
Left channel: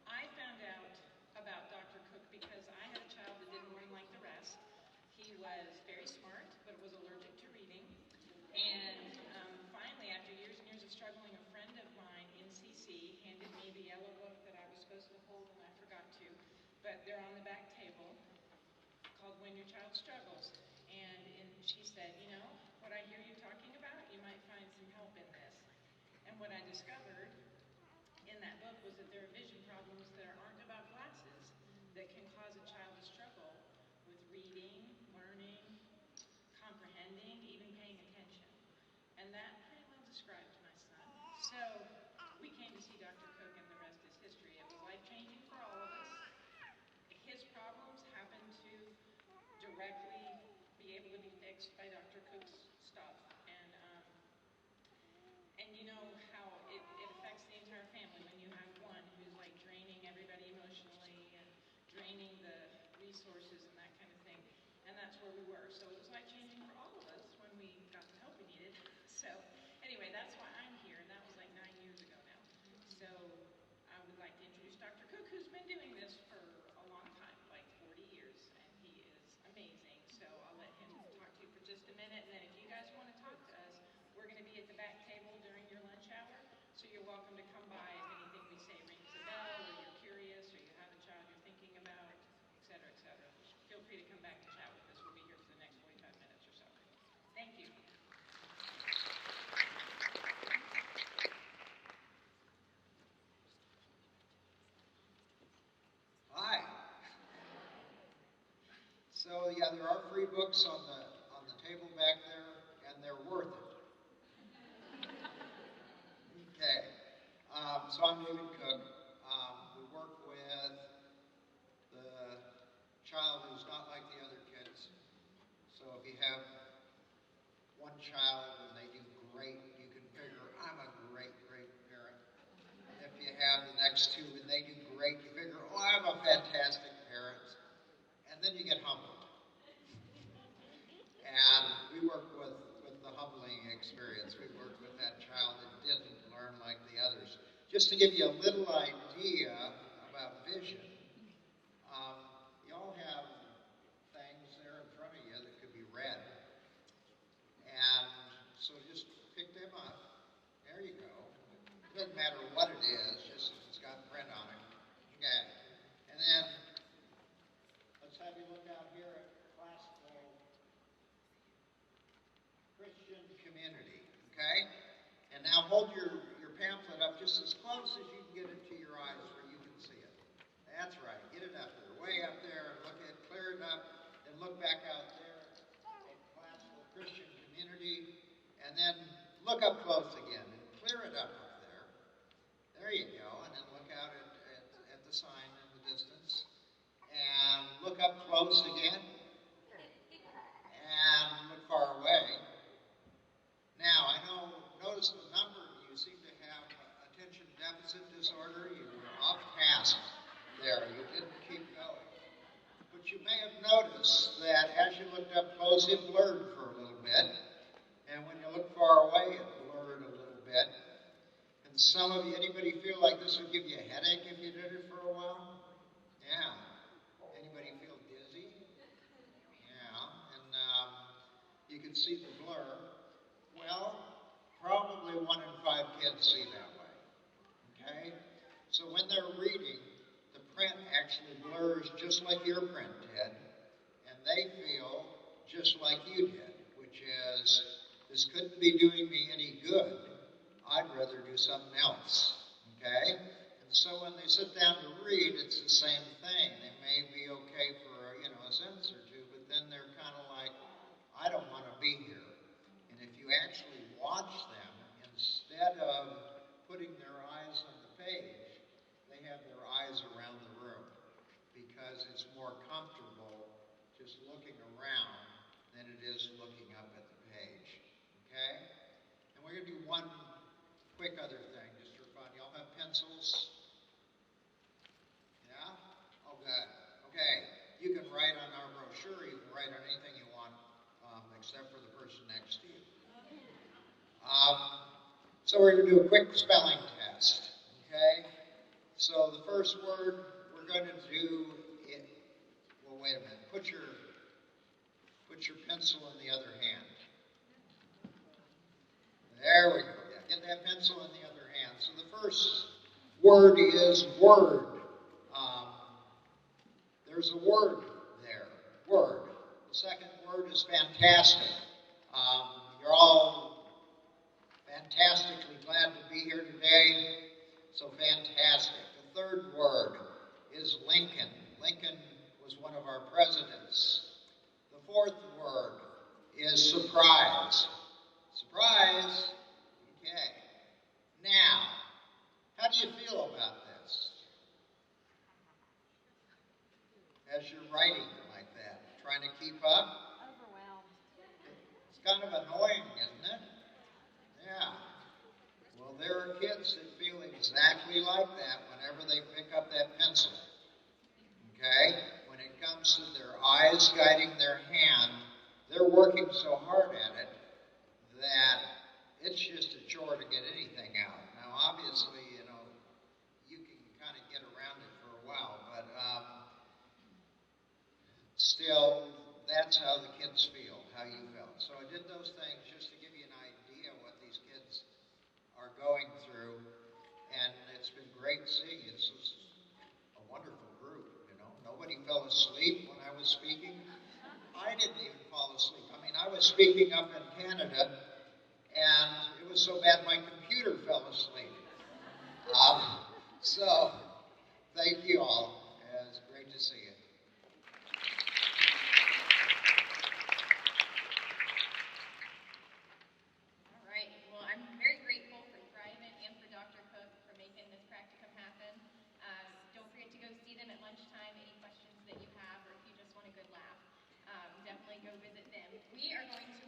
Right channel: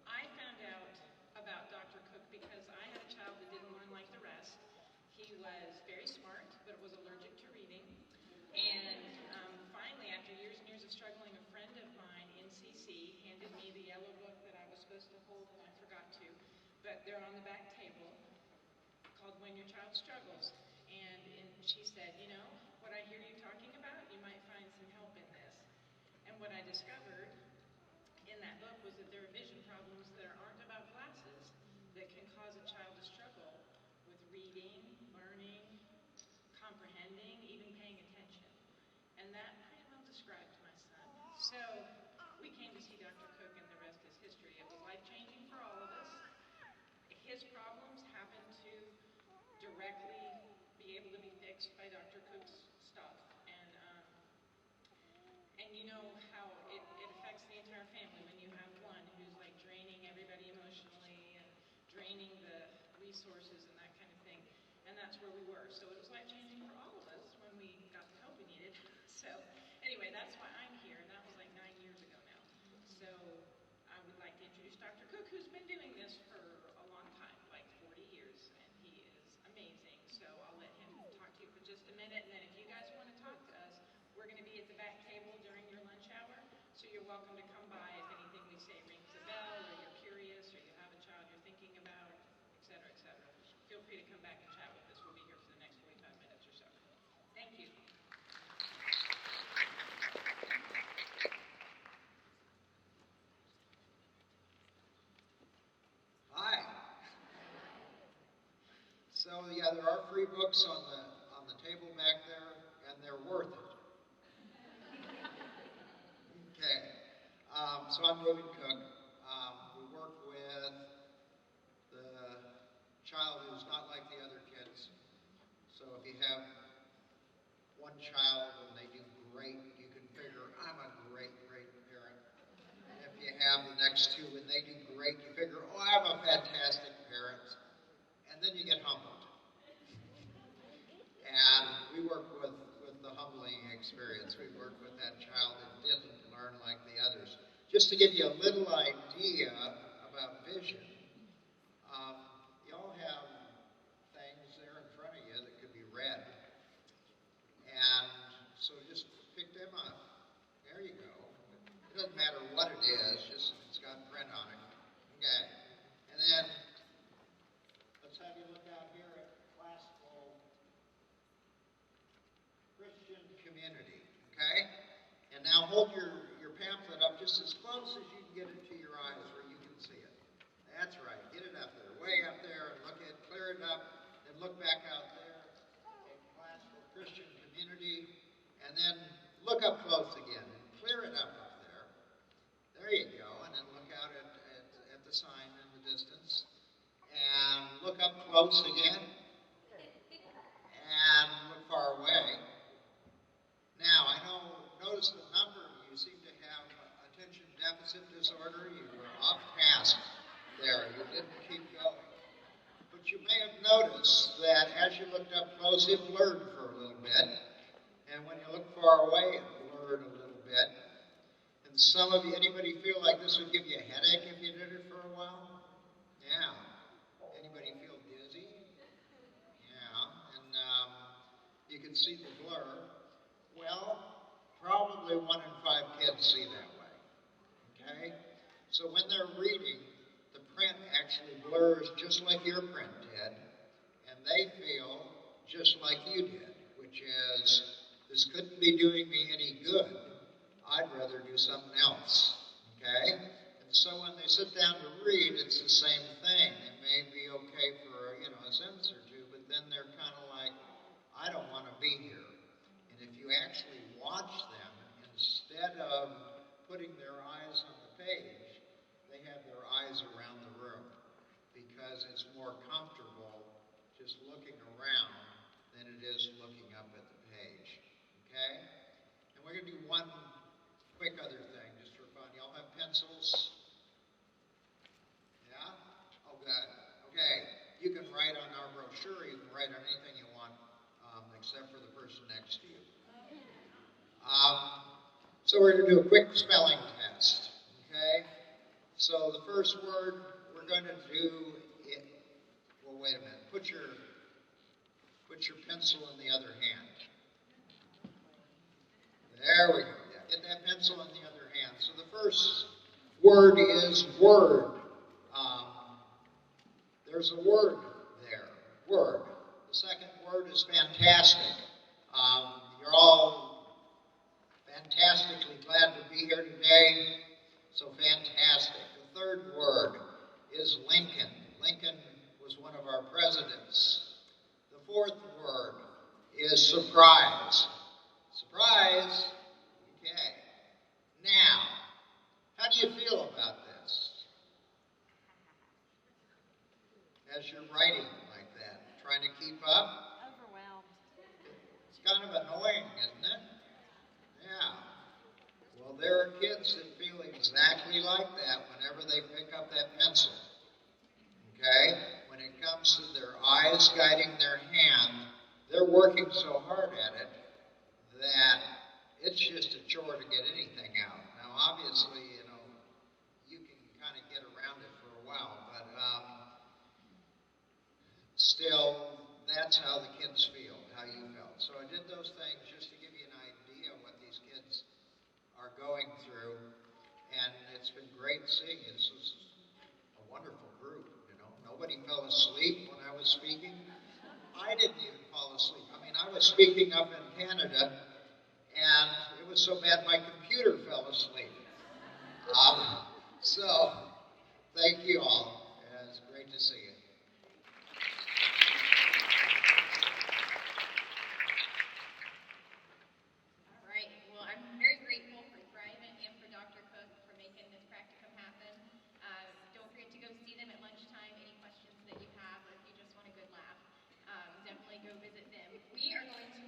I found out about Dr. Cook because I had a child that didn't learn like the rest. He was very smart, but was allergic to reading. And finally, after years and years of struggling, a friend of mine in CC handed me the yellow book that I was supposed to hold and I forgot to. But they're on the back table, called When Your Child Struggles. And she said, you know, what I hear you talking about, you might might find some help in this. And what I discovered in that book was that there are vision problems that aren't about glasses that can cause a child to struggle with reading, learning, comprehending, even paying attention. And that pretty well described my son. So we came to see Dr. Cook, and the rest is history. It was life-changing for all of us. His problems happened to directly be able to be fixed by Dr. Cook's stuff. And you know how it affects the entire family when you have one who's like draining everybody emotionally and draining the resources and that kind of thing. And that's where we were. So it was life-changing for all of us when we got the help we needed. So anyway, that's why I'm here, and that was like 9 years ago now. So I would like to introduce Dr. Cook, who's been doing this for a long time, like 40 years, and he is amazing. So I'll let him talk to you for just a minute, and then if you guys want to talk to us, we're going to be at the back table during your lunch hour, so you're welcome to come by if anything we say rings a bell, or you're curious, or you have a child you're thinking about, et cetera, et cetera. Feel free to come back and chat with us. We'll be here for the next 45 minutes or so. Thank you. Hi. So yeah, there are free books on the table back there, and they're worth it. Okay. So I'm William Cook. We work with the child who's not like the other kids. So if you have one child and they do great, you can figure I'm a great parent. And if you have the next two and they do great, you figure, oh, I'm a fantastic parent. And then you get humbled. And we work with the humbling experience. We work with that child that didn't learn like the others. Just to give you a little idea about vision, you all have things there in front of you that could be red. And so just pick them up. There you go. It doesn't matter what it is, just it's got print on it. Okay. And then let's have you look out here at classical Christian community. Okay? And now hold your pamphlet up just as close as you can get it to your eyes where you can see it. That's right. Get it up there, way up there, and clear it up, and look back out there at classical Christian community, and then look up close again and clear it up there. There you go, and then look out at the sign in the distance, and look up close again, and look far away. Now, notice the number of you seem to have attention deficit disorder. You were off task there. You didn't keep going. But you may have noticed that as you looked up close, it blurred for a little bit. And when you looked far away, it blurred a little bit. And some of you, anybody feel like this would give you a headache if you did it for a while? Yeah. Anybody feel dizzy? Yeah. And you can see the blur. Well, probably 1 in 5 kids see that way. Okay? So when they're reading, the print actually blurs just like your print did, and they feel just like you did, which is, this couldn't be doing me any good. I'd rather do something else. Okay? And so when they sit down to read, it's the same thing. It may be okay for, a sentence or two, but then they're kind of like, I don't want to be here. And if you actually watch them, instead of putting their eyes on the page, they have their eyes around the room because it's more comfortable just looking around than it is looking up at the page. Okay? And we're going to do one quick other thing just for fun. Y'all have pencils? Yeah? Oh, good. Okay. You can write on our brochure. You can write on anything you want except for the person next to you. So we're going to do a quick spelling test. Okay? So the first word we're going to do it. Well, wait a minute. Put your pencil in the other hand. There we go. Get that pencil in the other hand. So the first word is word. There's a word there. Word. The second word is fantastic. You're all fantastically glad to be here today. So fantastic. The third word is Lincoln. Lincoln was one of our presidents. The fourth word is surprise. Surprise. Okay. Now, how do you feel about this? As you're writing like that, trying to keep up? Overwhelmed. It's kind of annoying, isn't it? Yeah. Well, there are kids that feel exactly like that whenever they pick up that pencil. Okay? When it comes to their eyes guiding their hand, they're working so hard at it that it's just a chore to get anything out. Now, obviously, you can kind of get around it for a while, but still, that's how the kids feel, how you felt. So I did those things just to give you an idea of what these kids are going through, and it's been great seeing you. This was a wonderful group, Nobody fell asleep when I was speaking. I didn't even fall asleep. I mean, I was speaking up in Canada, and it was so bad my computer fell asleep. So, thank you all. It was great to see you. All right. Well, I'm very grateful for Brian and for Dr. Cook for making this practicum happen. Don't forget to go see them at lunchtime. Any questions that you have, or if you just want a good laugh, definitely go visit them. We are going to